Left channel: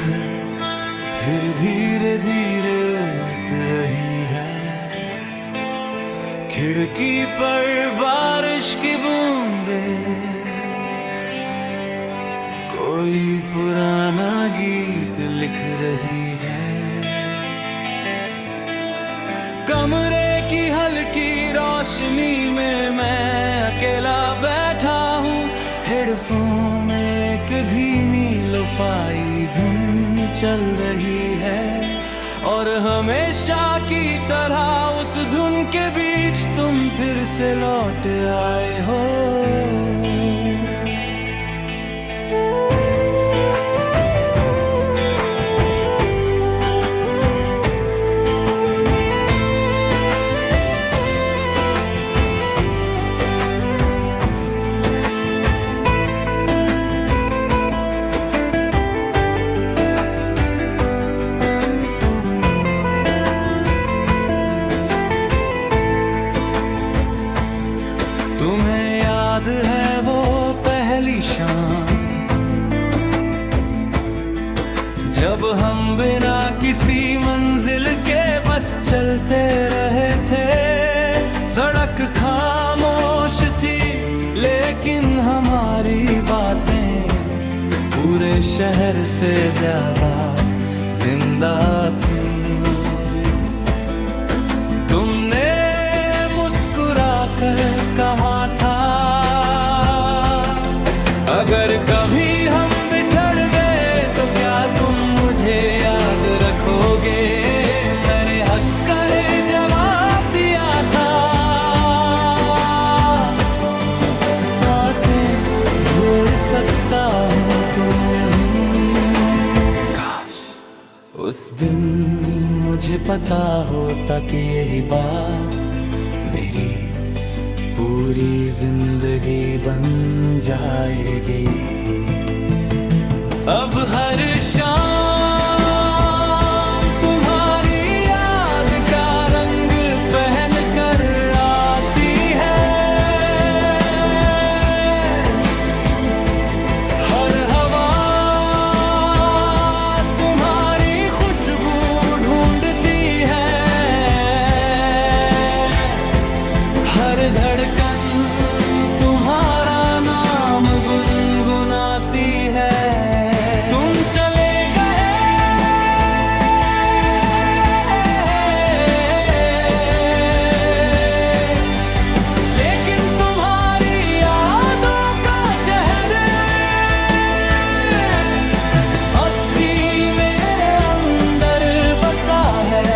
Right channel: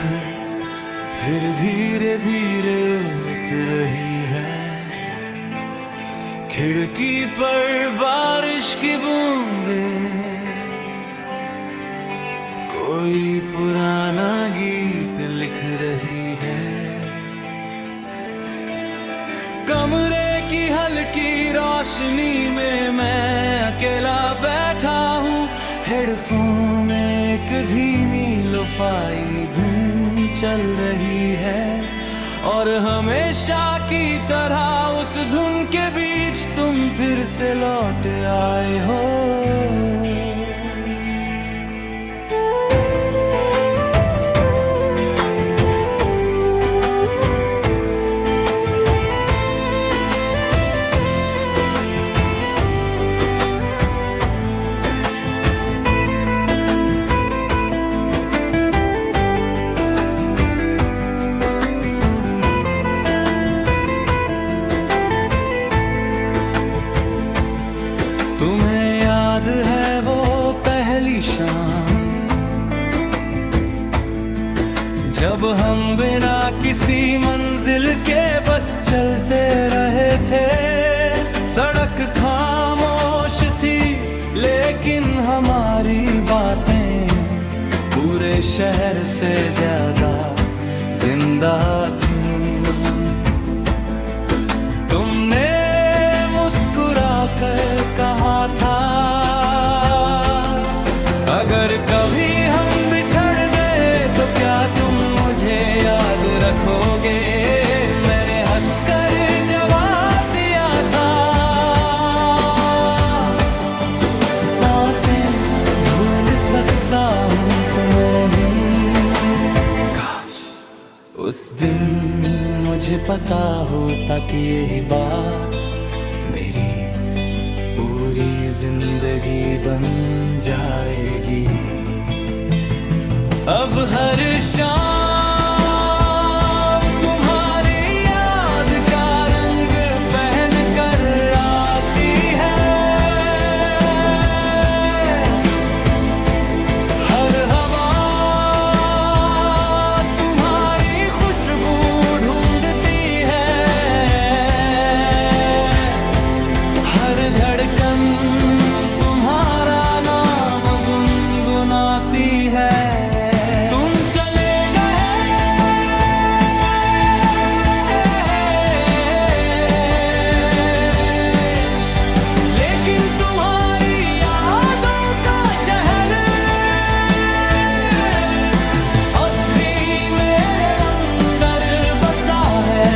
फिर धीरे धीरे उतर रही है। खिड़की पर बारिश की बूंदें कोई पुराना गीत लिख रही है। कमरे की हल्की रोशनी में मैं अकेला बैठा हूँ। हेडफोन में एक धीमी लोफाई धुन चल रही है और हमेशा की तरह उस धुन के बीच तुम फिर से लौट आए हो। तुम्हें याद है वो पहली शाम जब हम बिना किसी मंजिल के बस चलते रहे थे। सड़क खामोश थी लेकिन हमारी बातें पूरे शहर से ज्यादा जिंदा थीं। तुमने मुस्कुरा कर कहा था अगर कभी हम बिछड़ गए तो क्या तुम मुझे याद रखोगे। मैंने हंसकर जवाब दिया था सांसें भूल सकता हूँ तुम्हें नहीं। काश उस दिन मुझे पता होता कि यही बात मेरी पूरी जिंदगी बन जाएगी। अब हर शाम तुम्हारी याद का रंग पहन कर आती है। हर हवा तुम्हारी खुशबू ढूंढती है। हर धड़कन तुम्हारा नाम गुनगुनाती है। तुम चले गए लेकिन तुम्हारी यादों का शहर अब भी मेरे अंदर बसा है।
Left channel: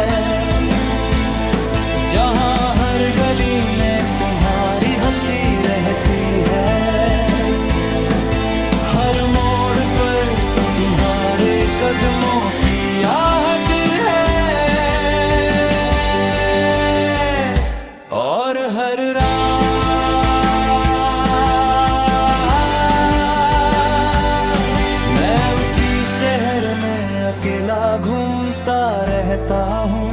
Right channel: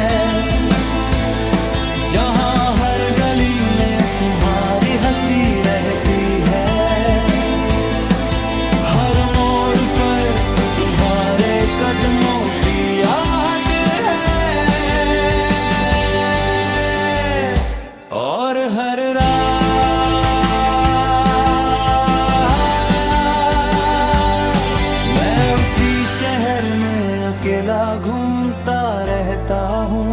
जहाँ हर गली में तुम्हारी हंसी रहती है। हर मोड़ पर तुम्हारे कदमों की आहट है। और हर रात मैं उसी शहर में अकेला घूमता रहता हूँ।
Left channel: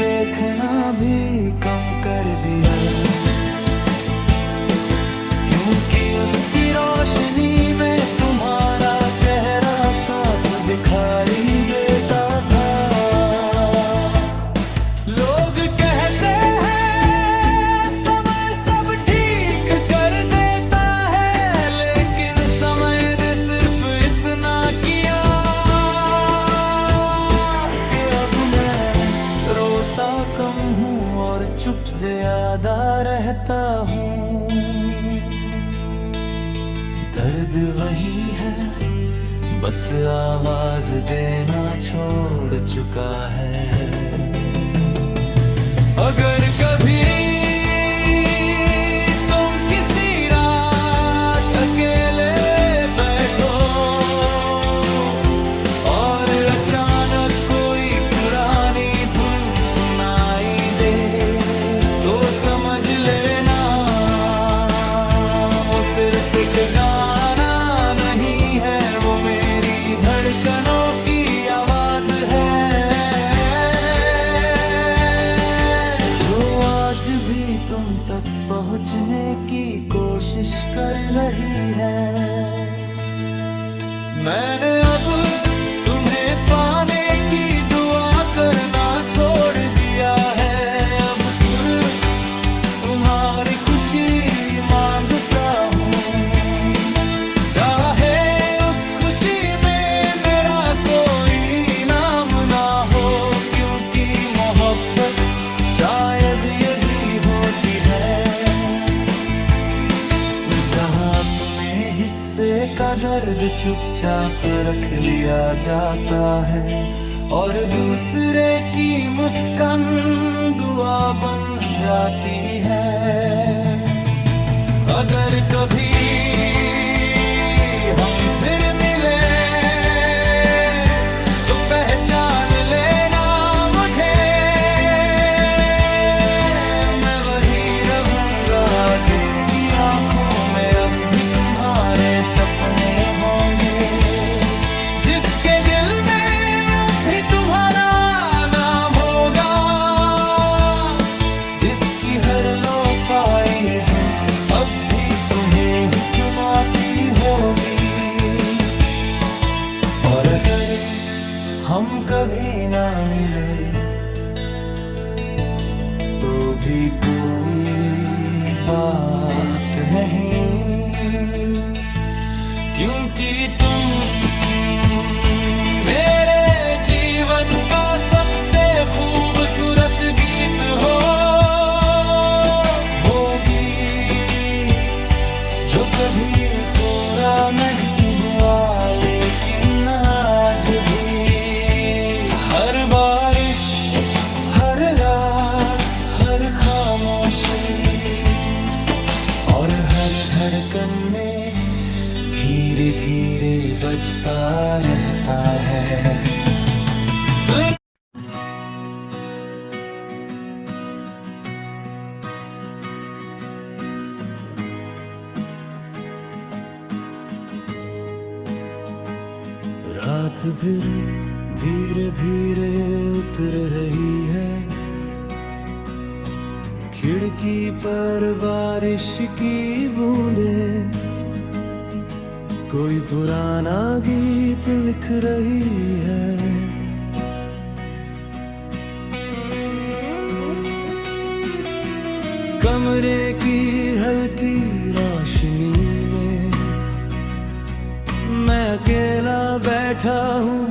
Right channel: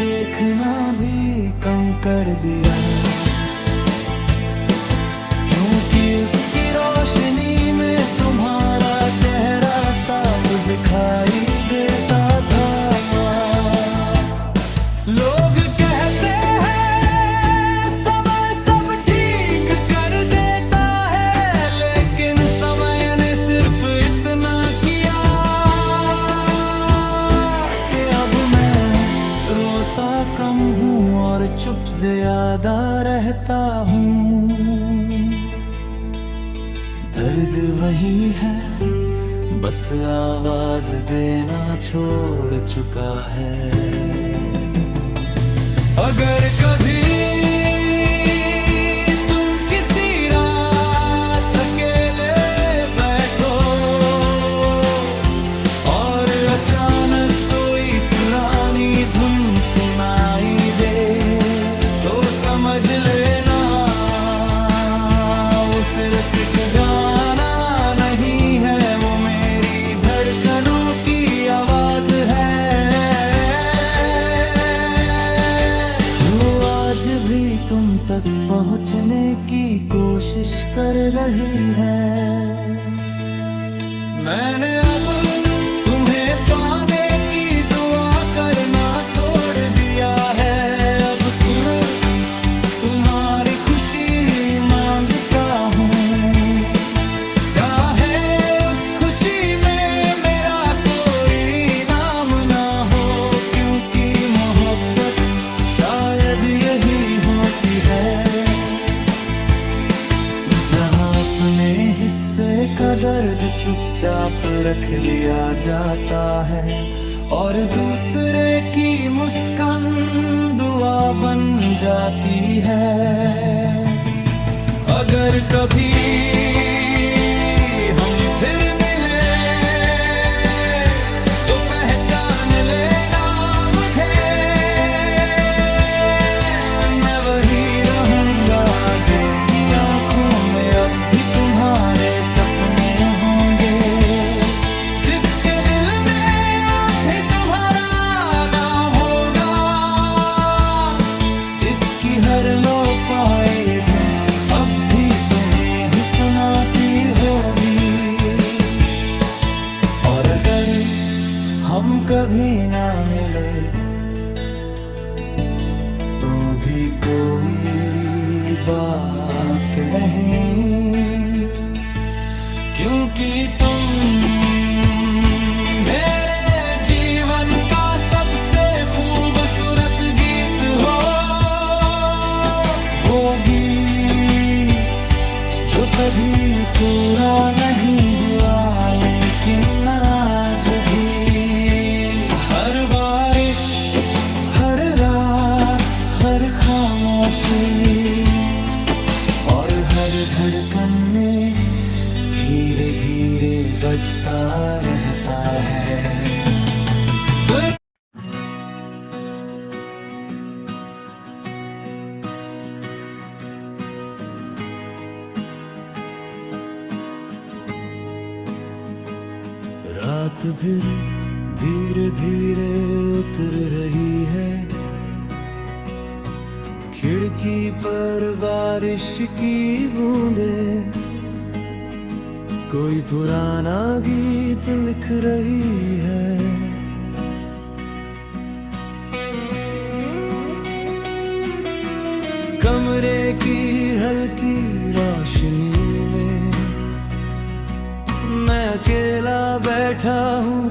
देखना भी कम कर दिया क्योंकि उसकी रोशनी में तुम्हारा चेहरा साफ दिखाई देता था। लोग कहते हैं समय सब ठीक कर देता है, लेकिन समय ने सिर्फ इतना किया कि अब मैं रोता कम हूँ और चुप ज्यादा रहता हूँ। दर्द वही है, बस आवाज देना छोड़ चुका है। अगर कभी तुम किसी रात अकेले बैठो और अचानक कोई पुरानी धुन सुनाई दे, तो समझ लेना वो सिर्फ एक गाना नहीं है, वो मेरी धड़कनों की आवाज है, आज भी तुम तक पहुंचने की कोशिश कर रही है। मैंने अब तुम्हें पाने की दुआ करना छोड़ दिया है, अब सिर्फ तुम्हारी खुशी मांगता हूँ। चाहे उस खुशी में मेरा कोई नाम ना हो, क्योंकि मोहब्बत शायद यही होती है जहां अपने हिस्से का दर्द चुपचाप रख लिया जाता है और दूसरे की मुस्कान दुआ बन जाती है। अगर कभी हम फिर मिले तो पहचान लेना सपने होंगे, जिसके दिल में अब भी तुम्हारा नाम होगा, जिसकी हर लोफाई धुन अब भी तुम्हें ही सुनाती होगी। और अगर हम कभी ना मिले तो भी कोई बात नहीं, क्योंकि तुम मेरे जीवन का सबसे खूबसूरत गीत हो, वो गीत जो कभी पूरा नहीं हुआ, लेकिन आज भी हर बारिश, हर रात, हर खामोशी और हर धड़कन में धीरे धीरे बजता रहता है। रात फिर धीरे धीरे उतर रही है, खिड़की पर बारिश की बूंदें कोई पुराना गीत लिख रही है। कमरे की हल्की रोशनी में मैं अकेला बैठा हूँ,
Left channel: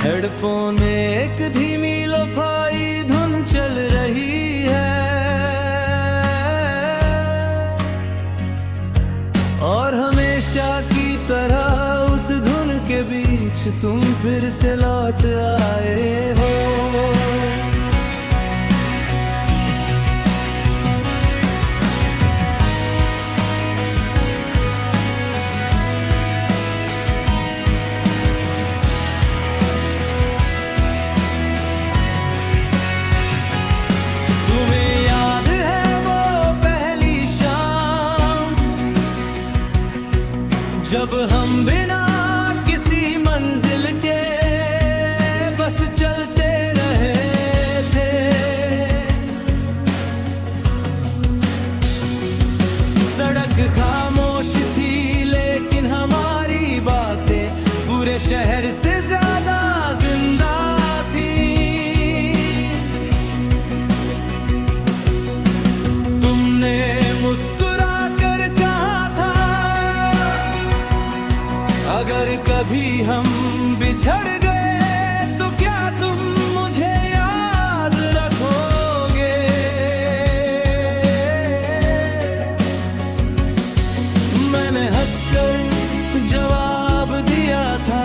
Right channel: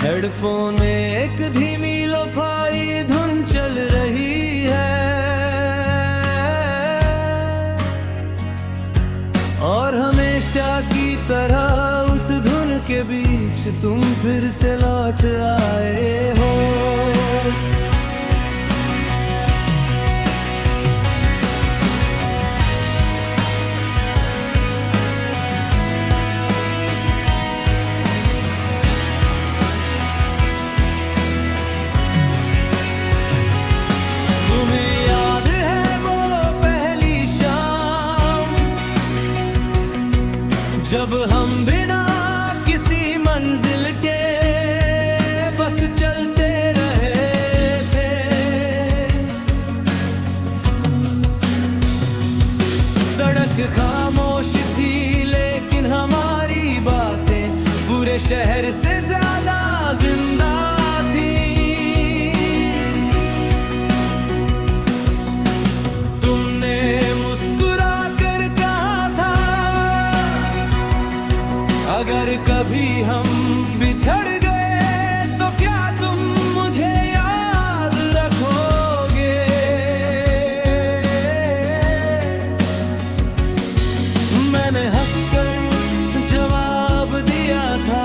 हेडफोन में एक धीमी लोफाई धुन चल रही है और हमेशा की तरह उस धुन के बीच तुम फिर से लौट आए हो। तुम्हें याद है वो पहली शाम जब हम बिना किसी मंजिल के बस चलते रहे थे। सड़क खामोश थी लेकिन हमारी बातें पूरे शहर से ज्यादा जिंदा थी। मुस्कुरा कर कहा था अगर कभी हम बिछड़ गए तो क्या तुम मुझे याद रखोगे। मैंने हंसकर जवाब दिया था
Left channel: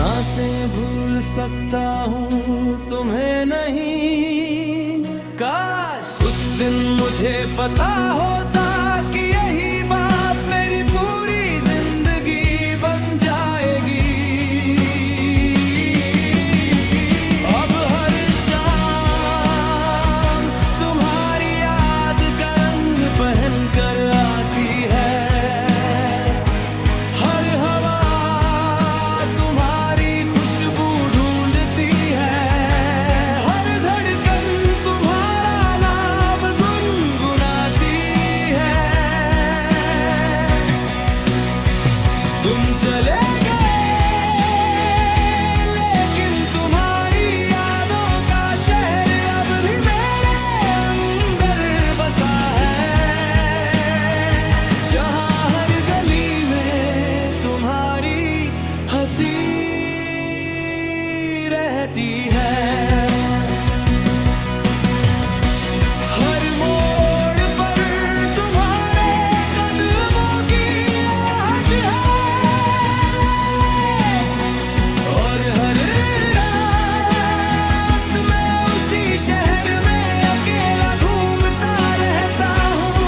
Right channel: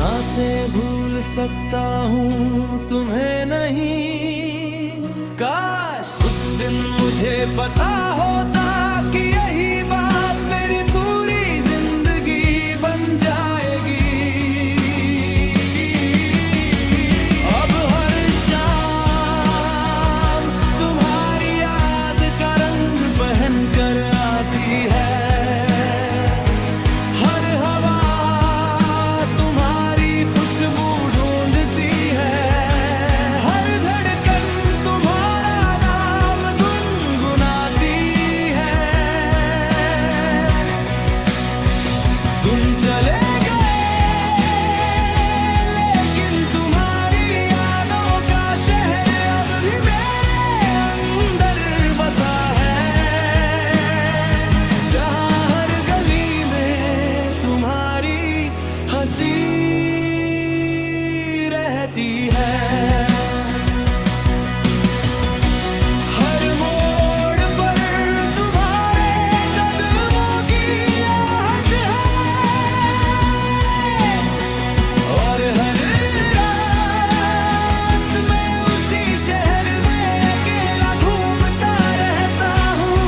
सांसें भूल सकता हूँ तुम्हें नहीं। काश उस दिन मुझे पता होता कि यही बात मेरी पूरी जिंदगी बन जाएगी। अब हर शाम तुम्हारी याद का रंग पहन कर आती है। हर हवा तुम्हारी खुशबू ढूंढती है। हर धड़कन तुम्हारा नाम गुनगुनाती है। तुम चले गए लेकिन तुम्हारी यादों का शहर अब भी मेरे अंदर बसा है। जहाँ हर गली में तुम्हारी हंसी रहती है। हर मोड़ पर तुम्हारे कदमों की आहट है। और हर रात मैं उसी शहर में अकेला घूमता रहता हूँ।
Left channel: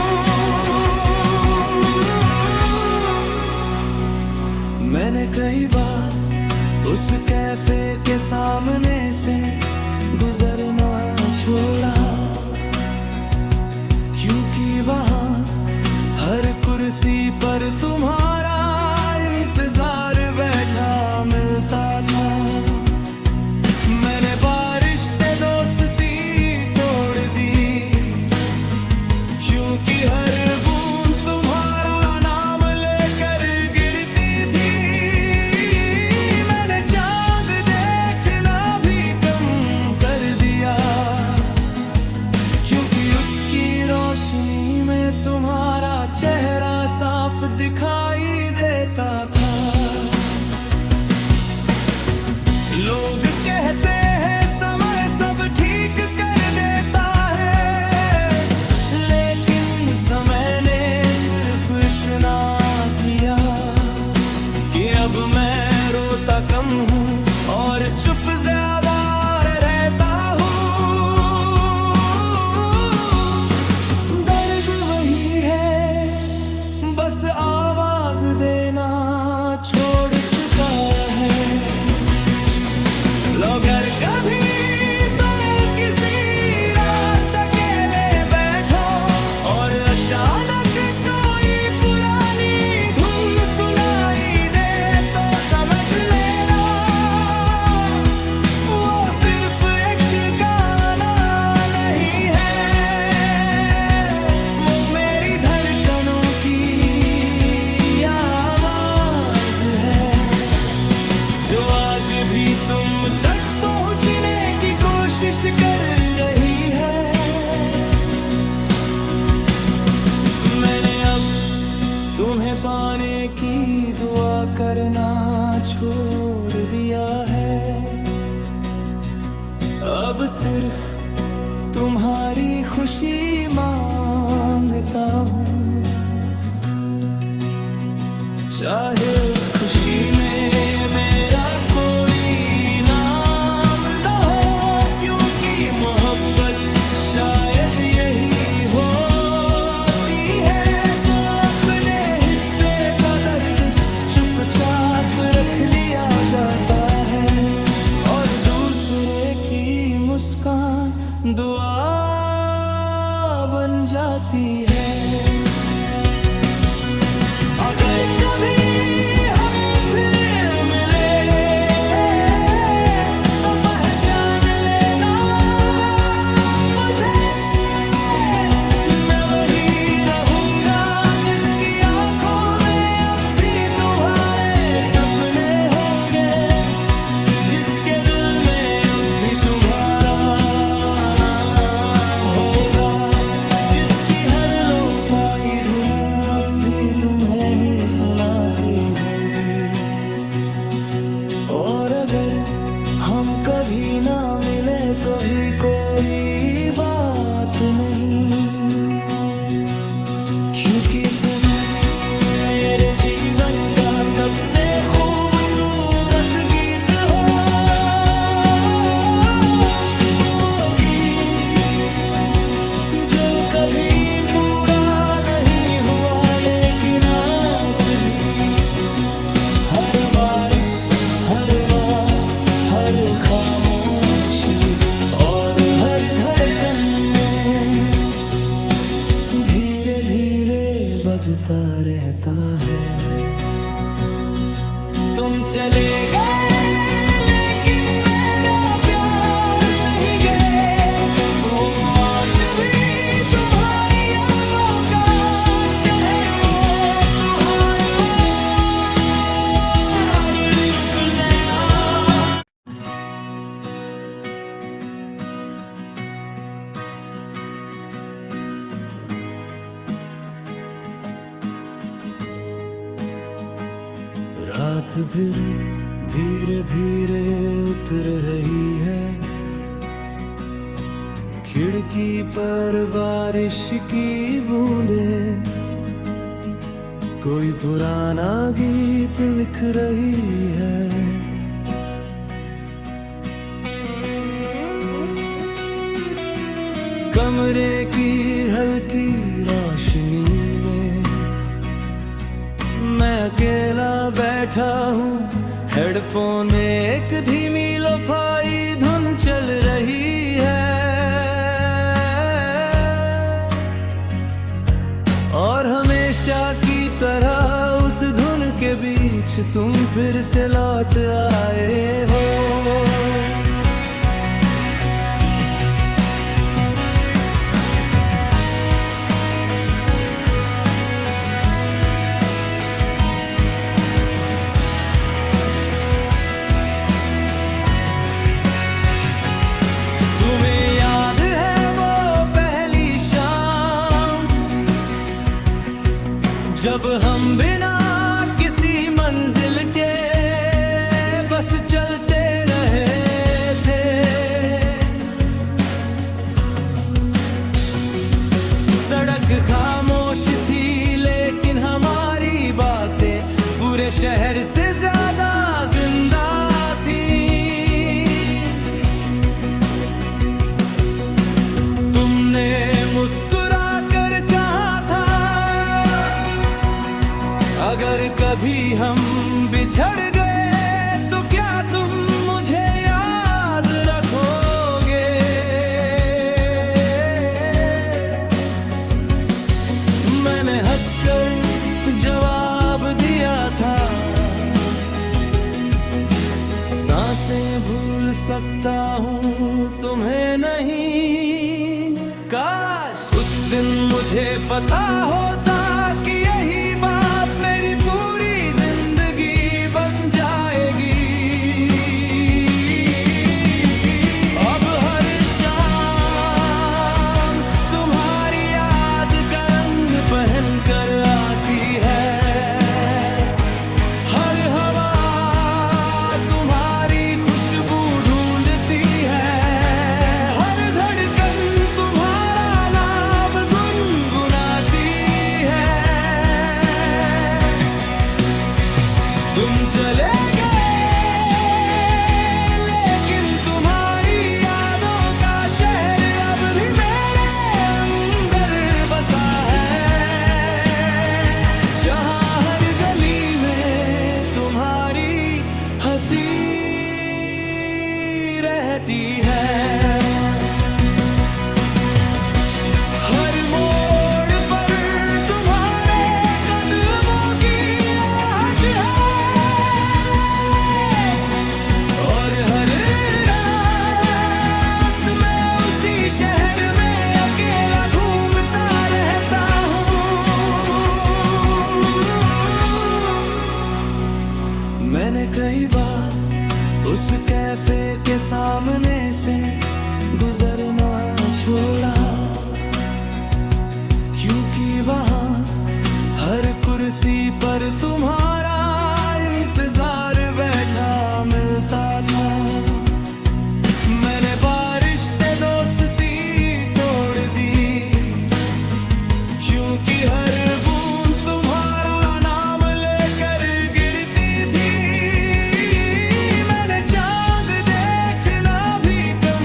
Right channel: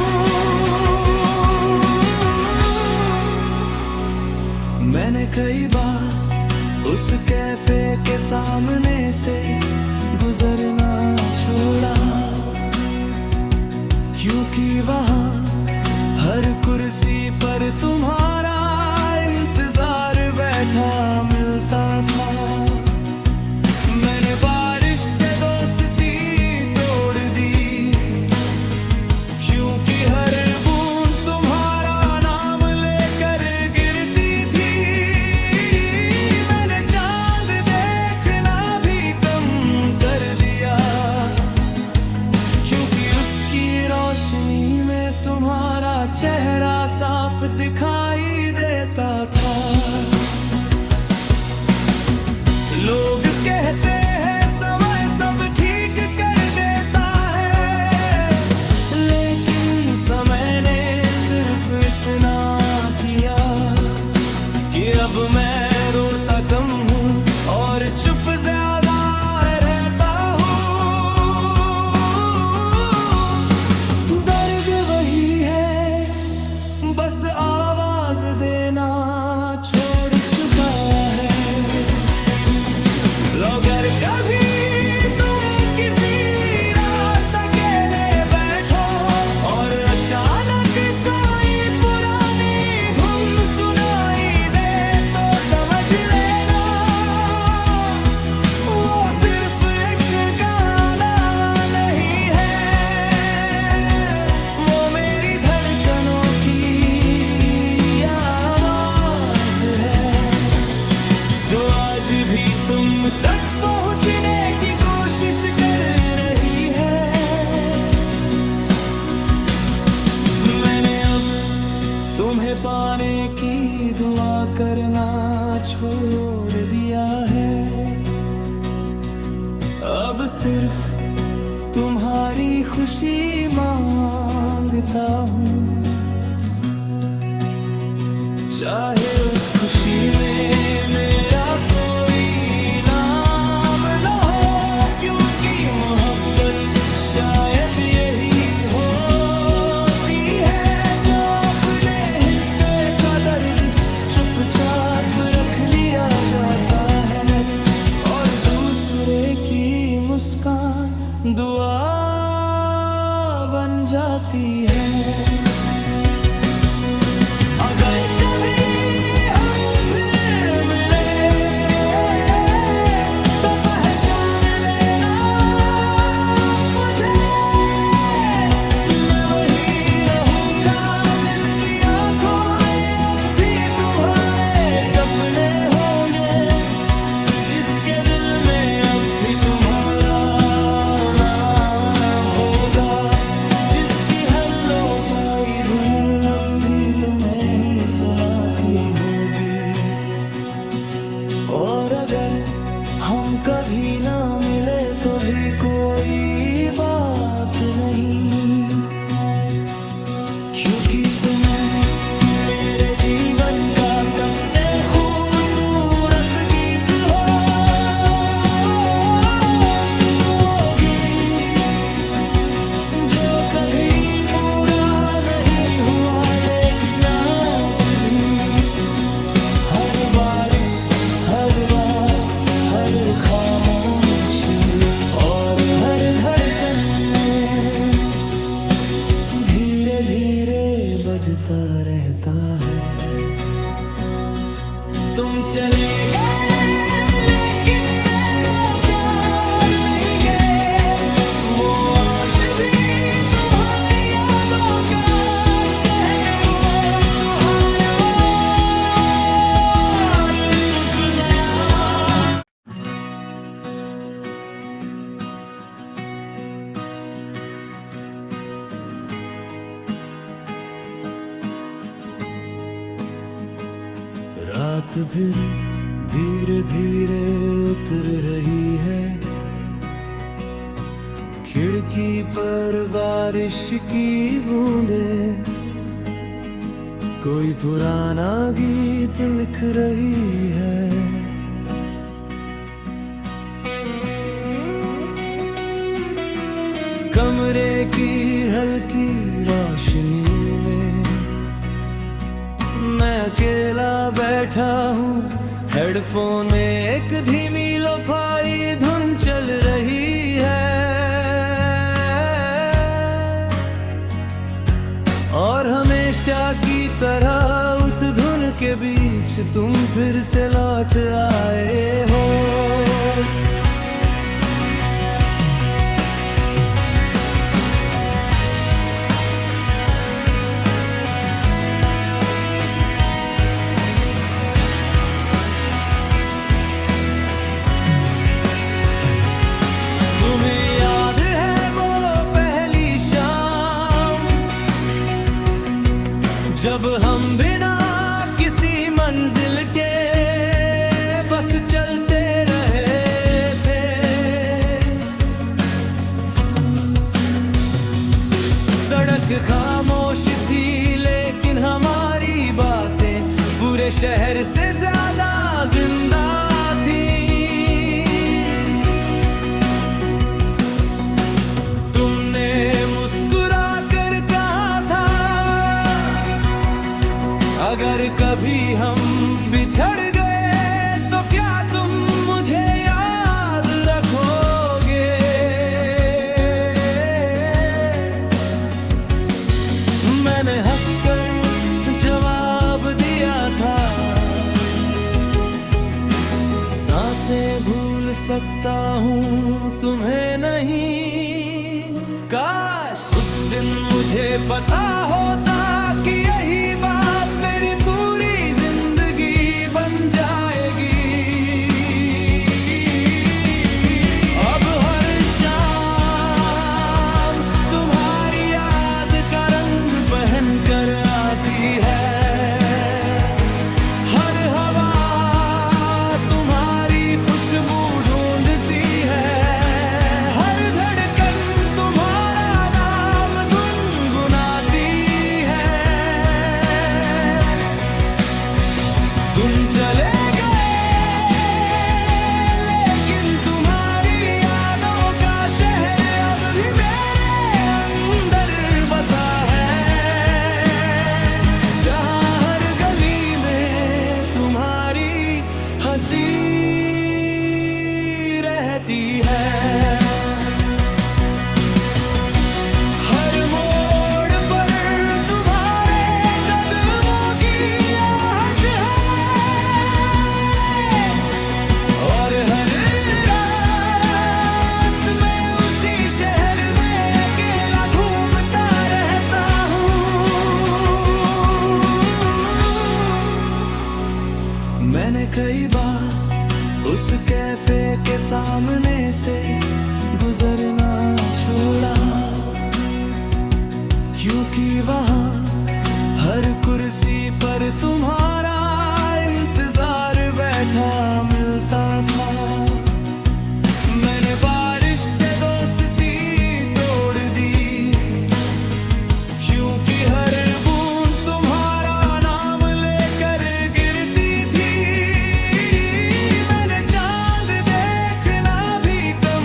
मैंने कई बार उस कैफे के सामने से गुजरना छोड़ा, क्योंकि वहाँ हर कुर्सी पर तुम्हारा इंतजार बैठा मिलता था। मैंने बारिश से दोस्ती तोड़ दी, क्योंकि हर बूंद तुम्हारा नाम लेकर गिरती थी। मैंने चांद देखना भी कम कर दिया, क्योंकि उसकी रोशनी में तुम्हारा चेहरा साफ दिखाई देता था। लोग कहते हैं समय सब ठीक कर देता है, लेकिन समय ने सिर्फ इतना किया कि अब मैं रोता कम हूँ और चुप ज्यादा रहता हूँ। दर्द वही है, बस आवाज देना छोड़ चुका है। अगर कभी तुम किसी रात अकेले बैठो और अचानक कोई पुरानी धुन सुनाई दे, तो समझ लेना वो सिर्फ एक गाना नहीं है, वो मेरी धड़कनों की आवाज है, जो आज भी तुम तक पहुंचने की कोशिश कर रही है। मैंने अब तुम्हें पाने की दुआ करना छोड़ दिया है। अब सिर्फ तुम्हारी खुशी मांगता हूँ, चाहे उस खुशी में मेरा कोई नाम न हो, क्योंकि मोहब्बत शायद यही होती है, जो अपने हिस्से का दर्द चुपचाप रख लिया जाता है और दूसरे की मुस्कान दुआ बन जाती है। अगर कभी हम फिर मिले तो पहचान लेना मुझे, मैं वही रहूंगा जिसकी आंखों में अब भी तुम्हारे सपने होंगे, जिसके दिल में अब भी तुम्हारा नाम होगा, जिसकी हर लोफाई धुन अब भी तुम्हें ही सुनाती होगी। और अगर हम कभी ना मिले तो भी कोई बात नहीं, क्योंकि तुम मेरे जीवन का सबसे खूबसूरत गीत खामोशी और हर धड़कन में धीरे धीरे बजता रहता है। तुम चले गए लेकिन मेरा प्यार नहीं गए, वो आज भी तुम्हारी यादों का शहर, वो तुम्हारा और चुप गया। रात फिर धीरे धीरे उतर रही है, खिड़की पर बारिश की बूंदें कोई पुराना गीत लिख रही है। कमरे की हल्की रोशनी में मैं अकेला बैठा हूँ, हेडफोन में एक धीमी लोफाई धुन चल रही है, और हमेशा की तरह उस धुन के बीच तुम फिर से लौट आए हो। तुम्हें याद है वो पहली शाम, जब हम बिना किसी मंजिल के बस चलते रहे थे। सड़क खामोश थी लेकिन हमारी बातें पूरे शहर से ज्यादा जिंदा थी। मुस्कुरा कर कहा था अगर कभी हम बिछड़ गए तो क्या तुम मुझे याद रखोगे। मैंने हंसकर जवाब दिया था, सांसें भूल सकता हूँ तुम्हें नहीं। काश उस दिन मुझे पता होता कि यही बात मेरी पूरी जिंदगी बन जाएगी। अब हर शाम तुम्हारी याद का रंग पहन कर आती है, हर हवा तुम्हारी खुशबू ढूंढती है, तुम चले गए लेकिन तुम्हारी यादों का शहर अब भी मेरे अंदर बसा है, जहाँ हर गली में तुम्हारी हंसी रहती है। मैंने कई बार उस कैफे के सामने से गुजरना छोड़ा, क्योंकि वहाँ हर कुर्सी पर तुम्हारा इंतजार बैठा मिलता था। मैंने बारिश से दोस्ती तोड़ दी, क्योंकि हर बूंद तुम्हारा नाम लेकर गिरती थी। मैंने चांद देखना भी कम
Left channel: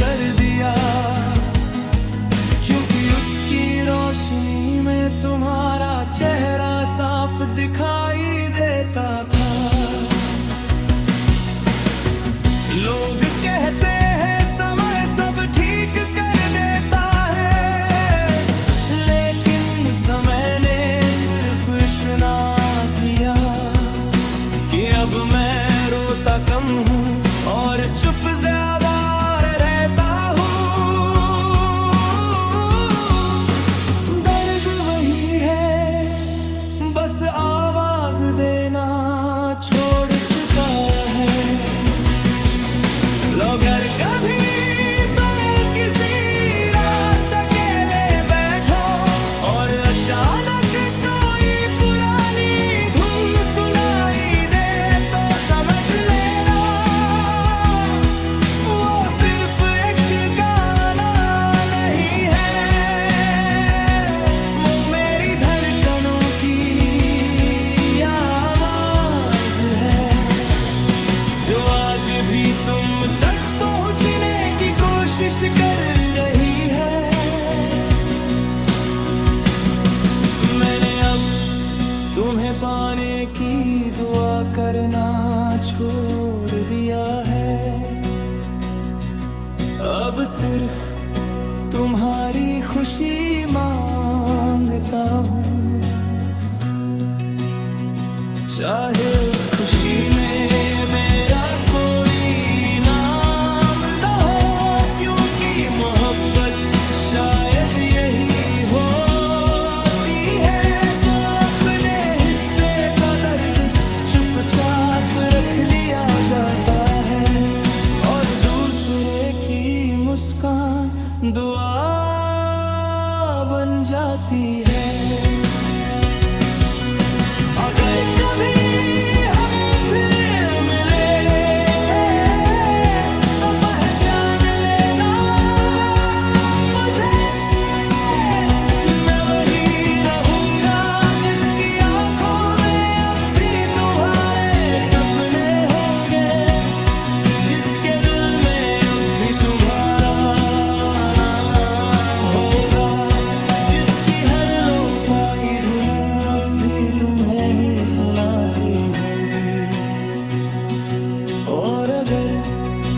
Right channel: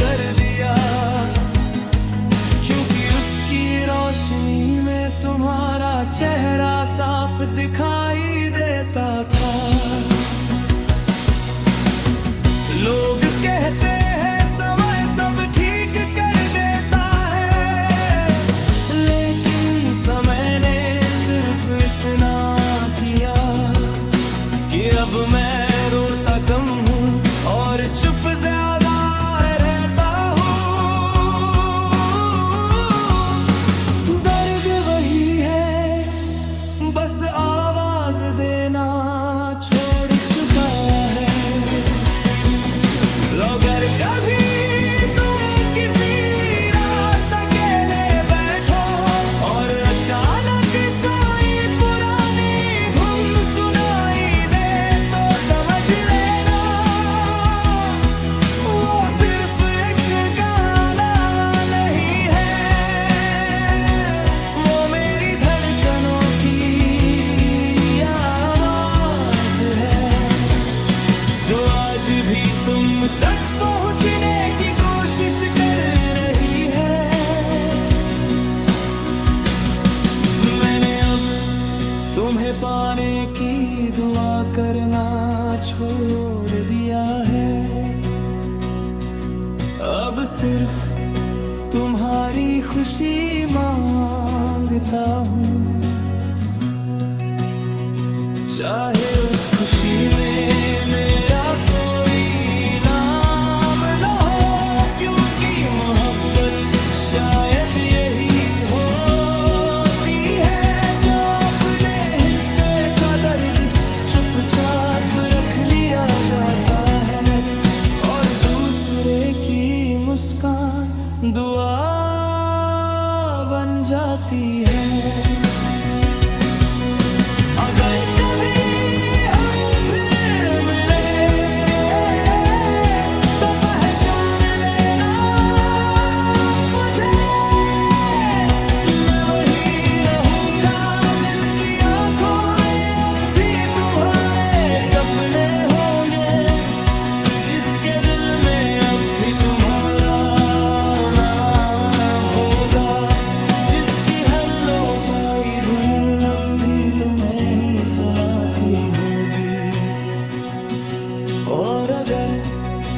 कर दिया, क्योंकि उसकी रोशनी में तुम्हारा चेहरा साफ दिखाई देता था। कहते हैं समय सब ठीक कर देता है, लेकिन समय ने सिर्फ इतना किया कि अब मैं रोता कम हूँ और चुप ज्यादा रहता हूँ। दर्द वही है, बस आवाज देना छोड़ चुका है। अगर कभी तुम किसी रात अकेले बैठो और अचानक कोई पुरानी धुन सुनाई दे, तो समझ लेना वो सिर्फ एक गाना नहीं है, वो मेरी धड़कनों की आवाज है, जो आज भी तुम तक पहुंचने की कोशिश कर रही है। मैंने अब तुम्हें पाने की दुआ करना छोड़ दिया है, अब सिर्फ तुम्हारी खुशी मांगता हूँ। चाहे उस खुशी में मेरा कोई नाम न हो, क्योंकि मोहब्बत शायद यही होती है, जो अपने हिस्से का दर्द चुपचाप रख लिया जाता है और दूसरे की मुस्कान दुआ बन जाती है। अगर कभी हम फिर मिले तो पहचान लेना मुझे, मैं वही रहूंगा जिसकी आंखों में अब भी तुम्हारे सपने होंगे, जिसके दिल में अब भी तुम्हारा नाम होगा, जिसकी हर लोफाई धुन अब भी तुम्हें ही सुनाती होगी। और अगर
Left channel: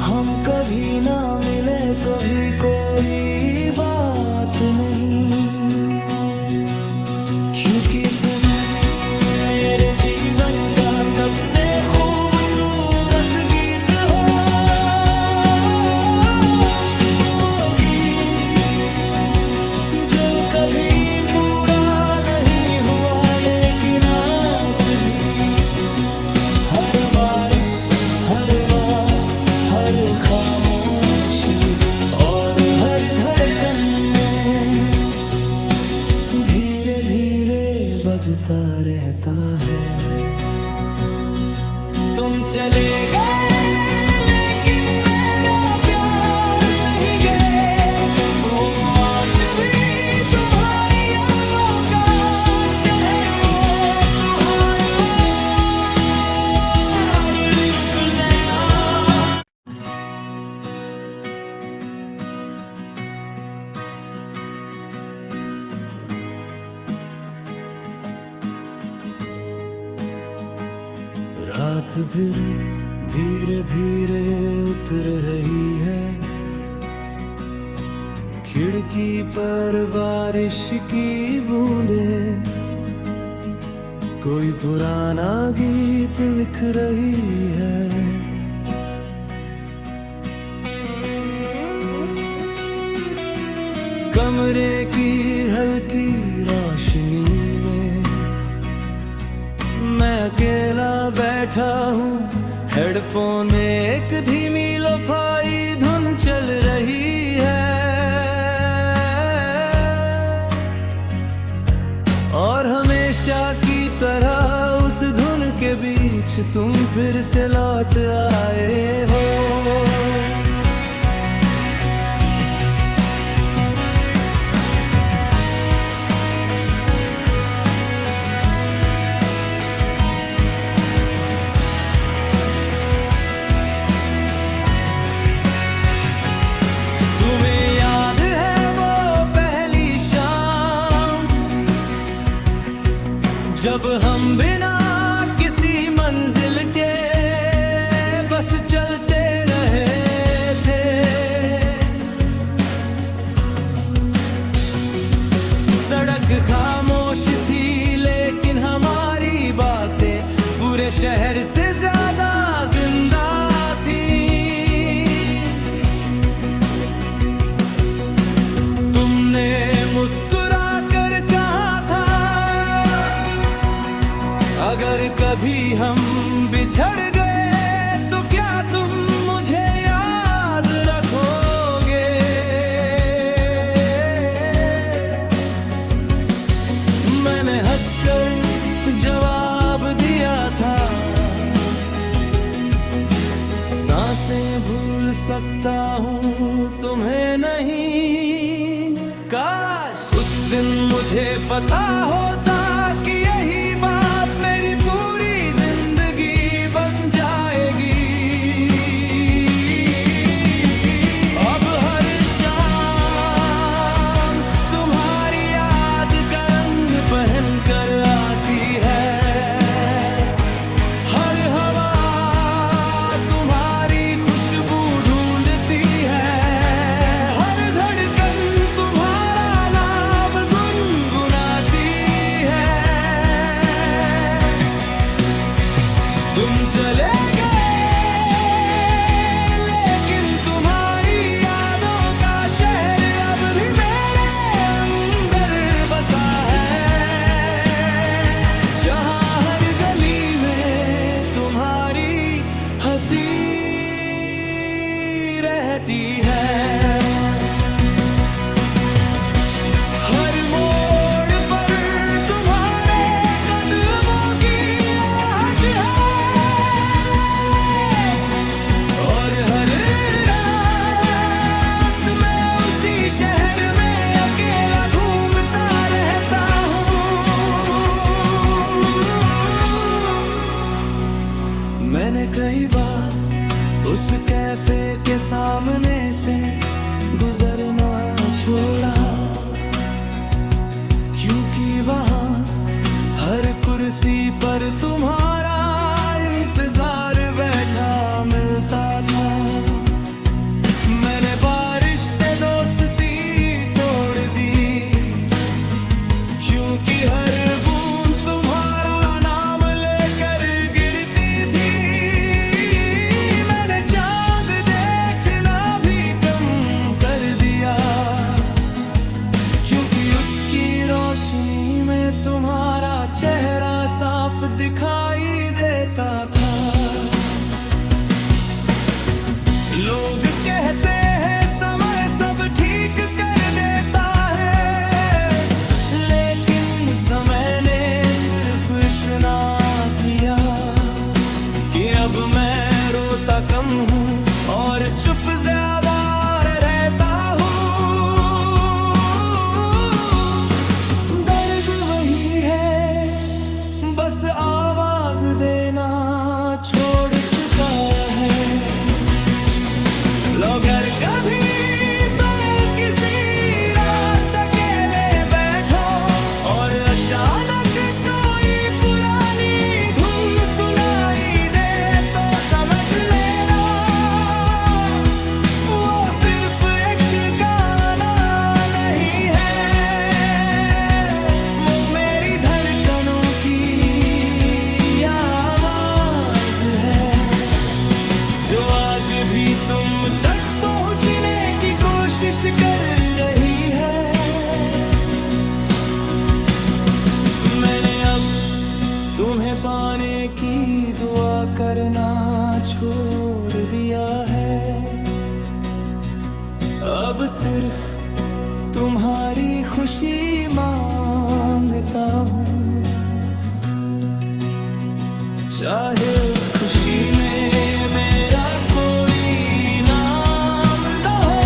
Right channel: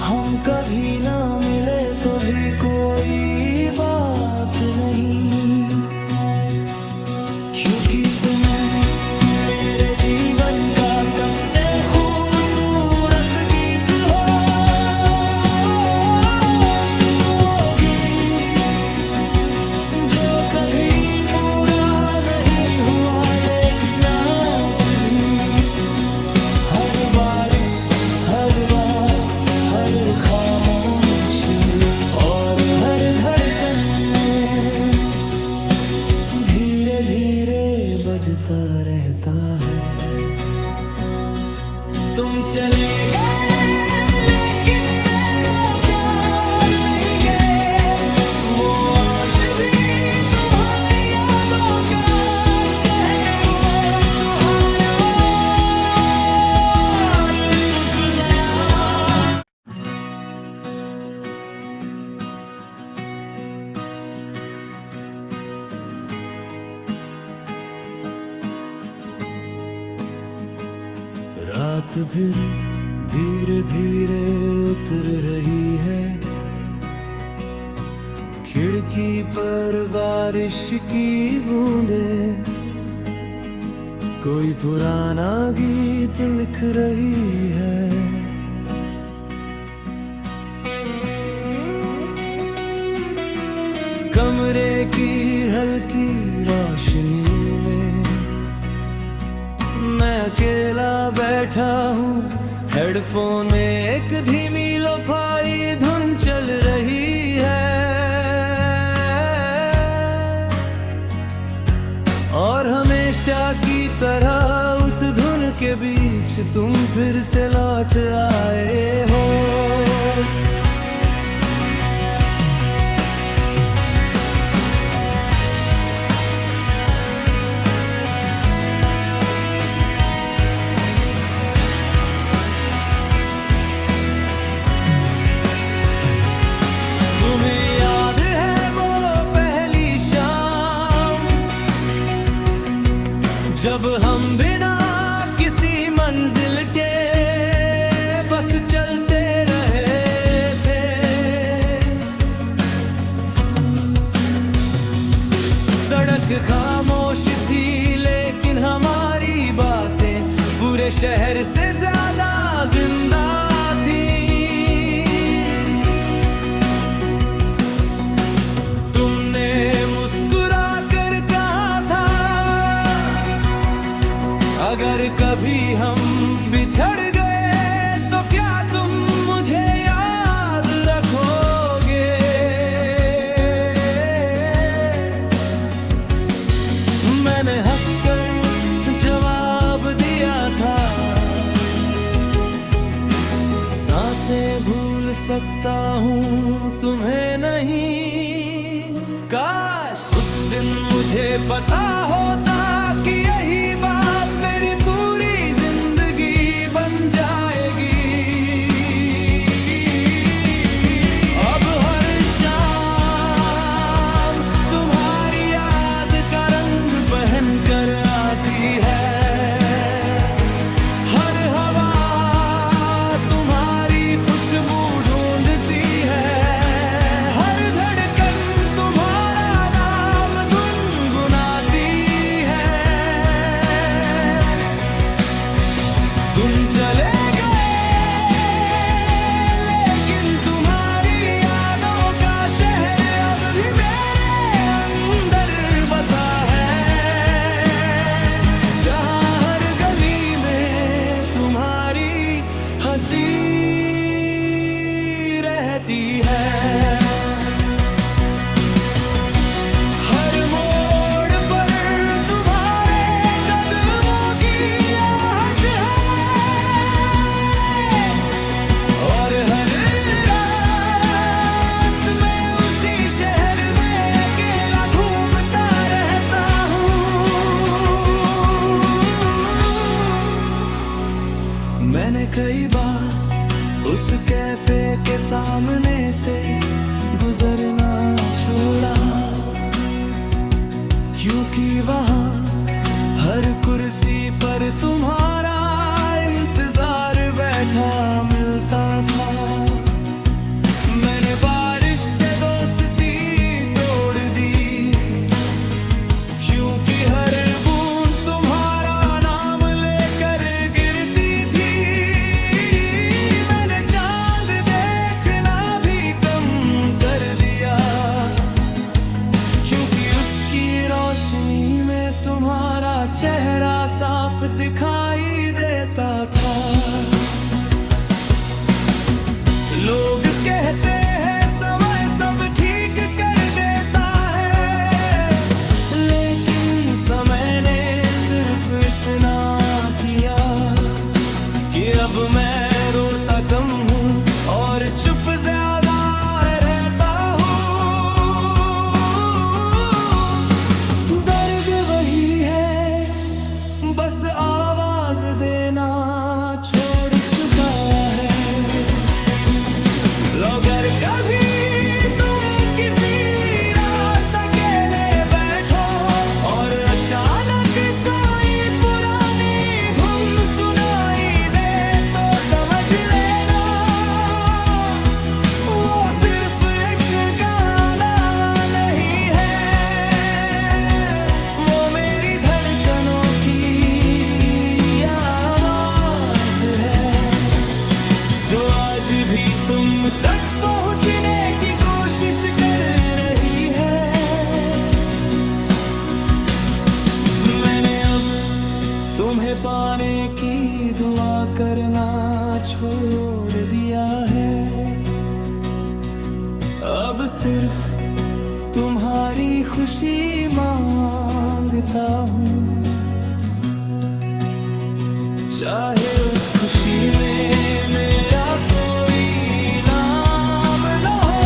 हम कभी ना मिले तो भी कोई बात नहीं, क्योंकि तुम मेरे जीवन का सबसे खूबसूरत गीत हो, वो गीत जो कभी पूरा नहीं हुआ, लेकिन आज भी हर बारिश, हर बार, हर खामोशी और हर धड़कन में धीरे धीरे बजता रहता है। तुम चले गए लेकिन मेरा प्यार नहीं गए, वो आज भी तुम्हारी यादों का शहर, वो तुम्हारा चुप गया। रात फिर धीरे धीरे उतर रही है, खिड़की पर बारिश की बूंदें कोई पुराना गीत लिख रही है। कमरे की हल्की रोशनी में मैं अकेला बैठा हूँ, हेडफोन में एक धीमी लोफाई धुन चल रही है, और हमेशा की तरह उस धुन के बीच तुम फिर से लौट आए हो। तुम्हें याद है वो पहली शाम, जब हम बिना किसी मंजिल के बस चलते रहे, जग खामोश थी लेकिन हमारी बातें पूरे शहर से ज्यादा जिंदा थी। तुमने मुस्कुरा कर कहा था अगर कभी हम बिछड़ गए तो क्या तुम मुझे याद रखोगे। मैंने हंसकर जवाब दिया था सांसें भूल सकता हूँ तुम्हें नहीं। काश उस दिन मुझे पता होता कि यही बात मेरी पूरी जिंदगी बन जाएगी। अब हर शाम तुम्हारी याद का रंग पहन कर आती है। हर हवा तुम्हारी खुशबू ढूंढती है। हर धड़कन तुम्हारा नाम गुनगुनाती है। तुम चले गए लेकिन तुम्हारी यादों का शहर अब भी मेरे अंदर बसा है। जहाँ हर गली में तुम्हारी हंसी रहती है। हर मोड़ पर तुम्हारे कदमों की आहट है। और हर रात मैं उसी शहर में अकेला घूमता रहता हूँ। मैंने कई बार उस कैफे के सामने से गुजरना छोड़ा क्योंकि वहाँ हर कुर्सी पर तुम्हारा इंतजार बैठा मिलता था। मैंने बारिश से दोस्ती तोड़ दी क्योंकि हर बूंद तुम्हारा नाम लेकर गिरती थी। मैंने चांद देखना भी कम कर दिया क्योंकि उसकी रोशनी में तुम्हारा चेहरा साफ दिखाई देता था। लोग कहते हैं समय सब ठीक कर देता है लेकिन समय ने सिर्फ इतना किया कि अब मैं रोता कम हूँ और चुप ज्यादा रहता हूँ। दर्द वही है बस आवाज देना छोड़ चुका है। अगर कभी तुम किसी रात अकेले बैठो और अचानक कोई पुरानी धुन सुनाई दे तो समझ लेना वो सिर्फ एक गाना नहीं है। वो मेरी धड़कनों की आवाज है जो आज भी तुम तक पहुंचने की कोशिश कर रही है। मैंने अब तुम्हें पाने की दुआ करना छोड़ दिया है। अब सिर्फ तुम्हारी खुशी मांगता हूँ चाहे उस खुशी में मेरा कोई नाम न हो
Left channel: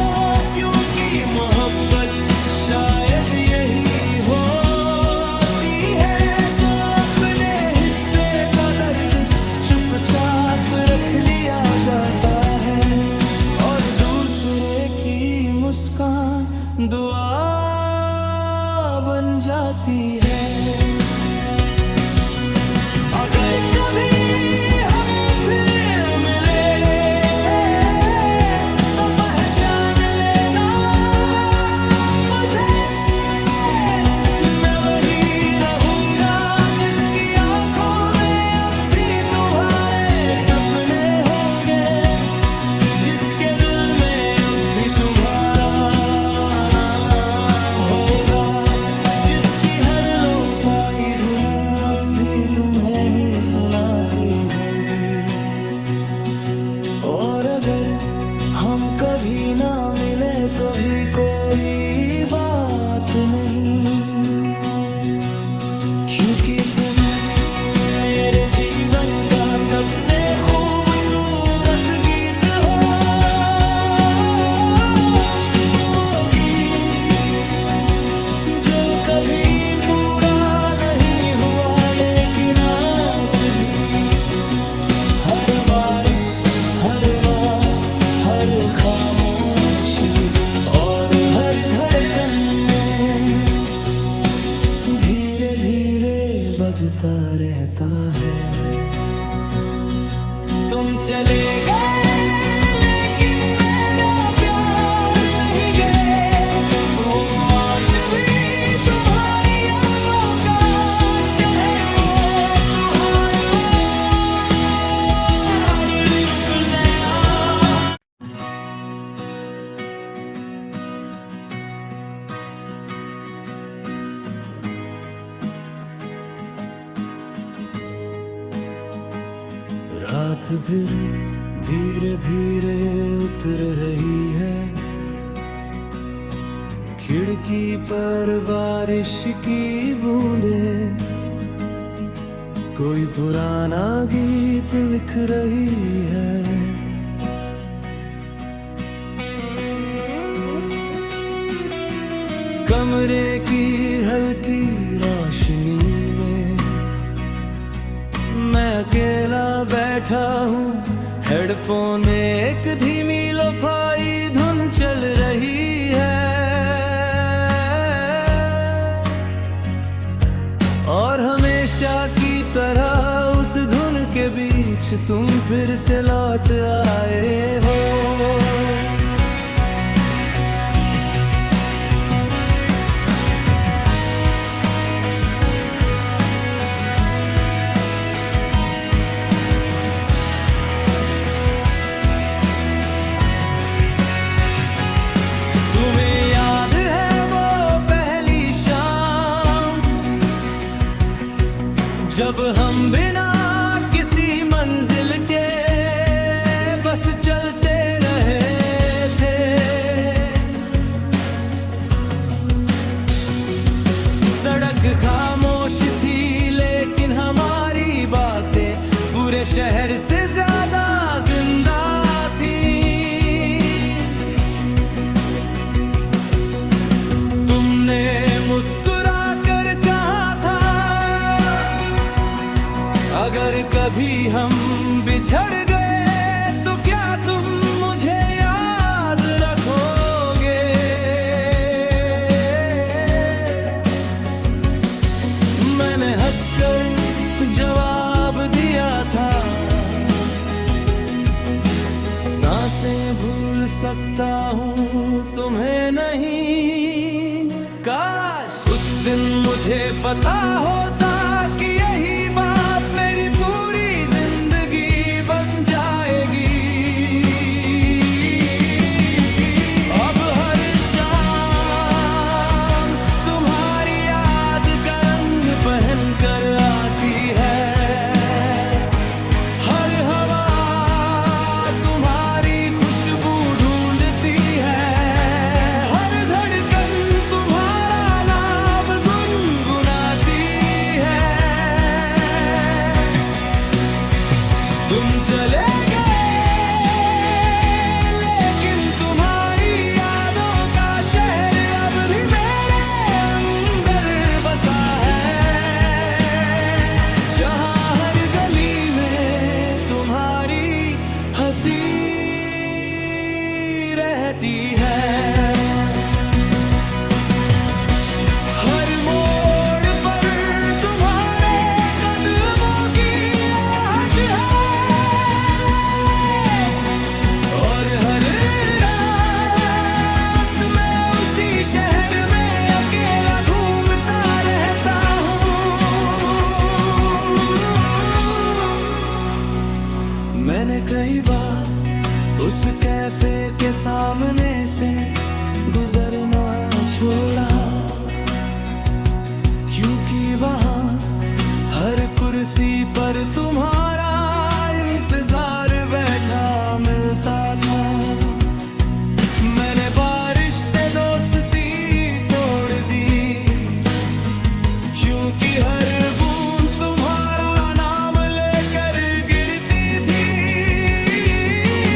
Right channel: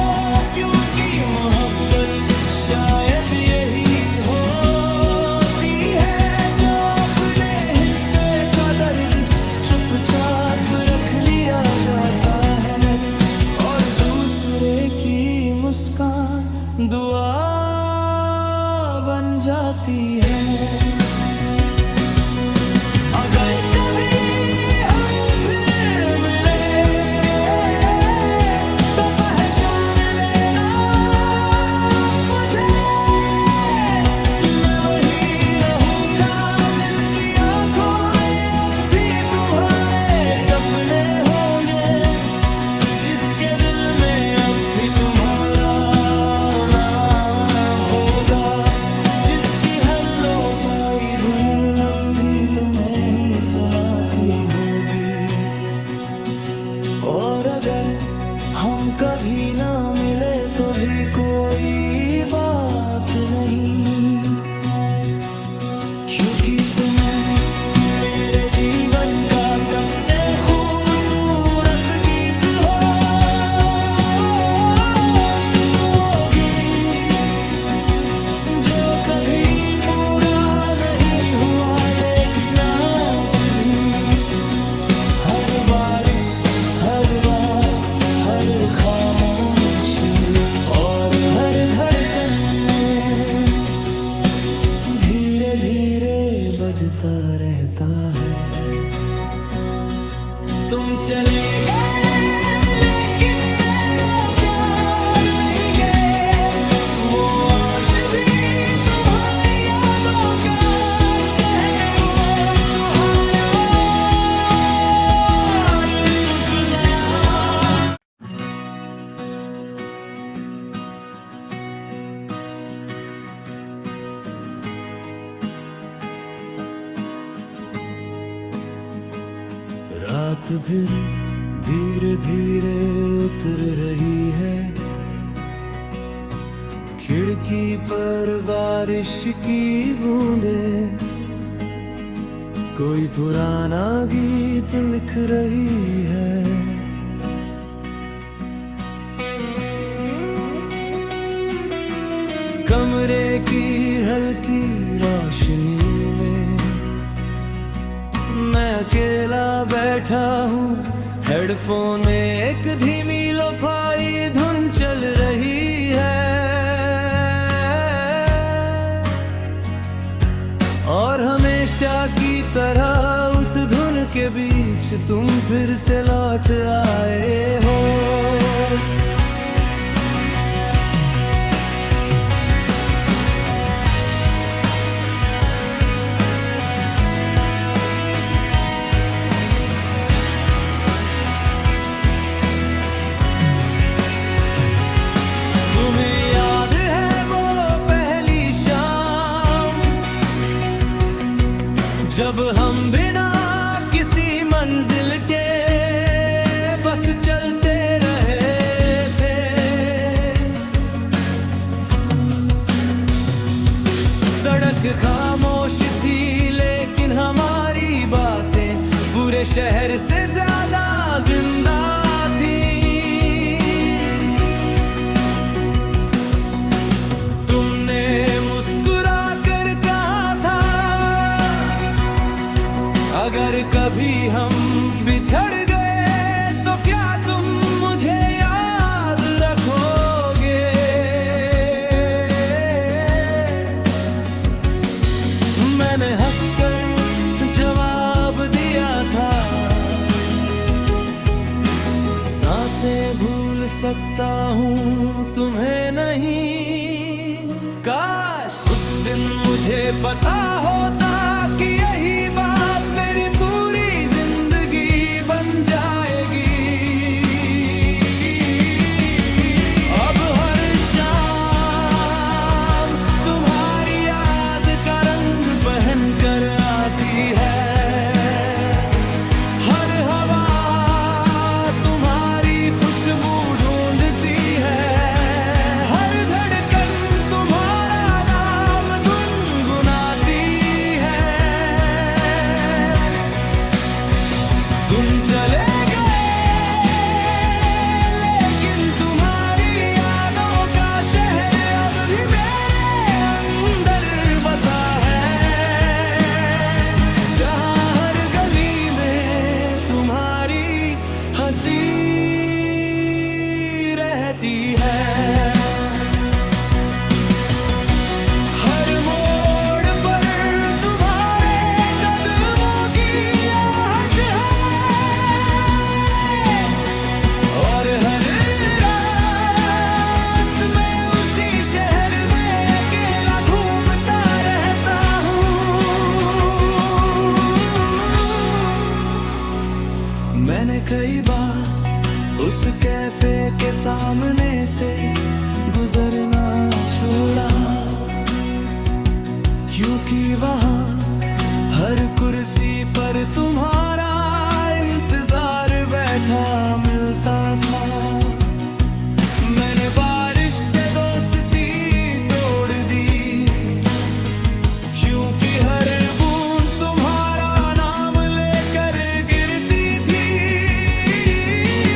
क्योंकि मोहब्बत शायद यही होती है जो अपने हिस्से का दर्द चुपचाप रख लिया जाता है और दूसरे की मुस्कान दुआ बन जाती है। अगर कभी हम फिर मिले तो पहचान लेना मुझे। मैं अगर हम कभी ना मिले तो भी कोई बात नहीं, क्योंकि तुम मेरे जीवन का सबसे खूबसूरत गीत हो। वो गीत जो कभी पूरा नहीं हुआ, लेकिन आज भी हर बारिश, हर बार, हर खामोशी और हर धड़कन में धीरे धीरे बजता रहता है। तुम चले गए लेकिन मेरा प्यार नहीं गए, वो आज भी तुम्हारी यादों का शहर, वो तुम्हारा चुप गया। रात फिर धीरे धीरे उतर रही है, खिड़की पर बारिश की बूंदें कोई पुराना गीत लिख रही है। कमरे की हल्की रोशनी में मैं अकेला बैठा हूँ, हेडफोन में एक धीमी लोफाई धुन चल रही है, और हमेशा की तरह उस धुन के बीच तुम फिर से लौट आए हो। तुम्हें याद है वो पहली शाम, जब हम बिना किसी मंजिल के बस चलते रहे थे। सड़क खामोश थी लेकिन हमारी बातें पूरे शहर से ज्यादा जिंदा थी। मुस्कुरा कर कहा था, अगर कभी हम बिछड़ गए तो क्या तुम मुझे याद रखोगे। मैंने हंसकर जवाब दिया था, सांसें भूल सकता हूँ तुम्हें नहीं। काश उस दिन मुझे पता होता कि यही बात मेरी पूरी जिंदगी बन जाएगी। अब हर शाम तुम्हारी याद का रंग पहन कर आती है, हर हवा तुम्हारी खुशबू ढूंढती है, तुम चले गए लेकिन तुम्हारी यादों का शहर अब भी मेरे अंदर बसा है, जहाँ हर गली में तुम्हारी हंसी रहती है। मैंने कई बार उस कैफे के सामने से गुजरना छोड़ा, क्योंकि वहाँ हर कुर्सी पर तुम्हारा इंतजार बैठा बैठा मिलता था। मैंने बारिश से दोस्ती तोड़ दी, क्योंकि हर बूंद तुम्हारा नाम लेकर गिरती थी।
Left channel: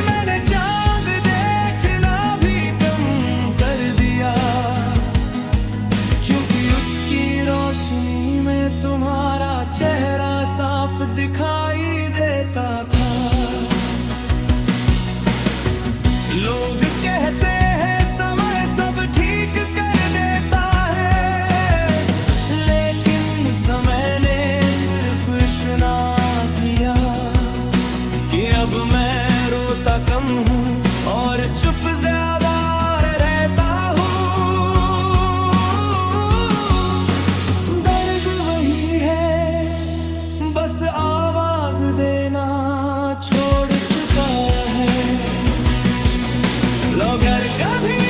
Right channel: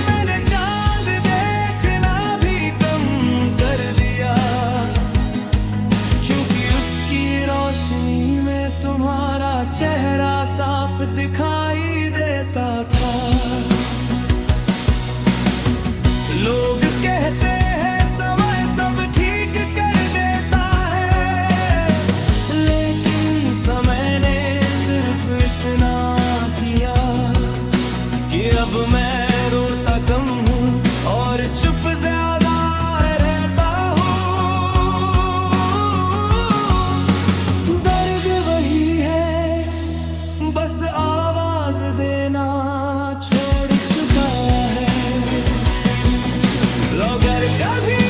मैंने चांद देखना भी कम कर दिया, क्योंकि उसकी रोशनी में तुम्हारा चेहरा साफ दिखाई देता था। लोग कहते हैं समय सब ठीक कर देता है, लेकिन समय ने सिर्फ इतना किया कि अब मैं रोता कम हूँ और चुप ज्यादा रहता हूँ। दर्द वही है, बस आवाज देना छोड़ चुका है। अगर कभी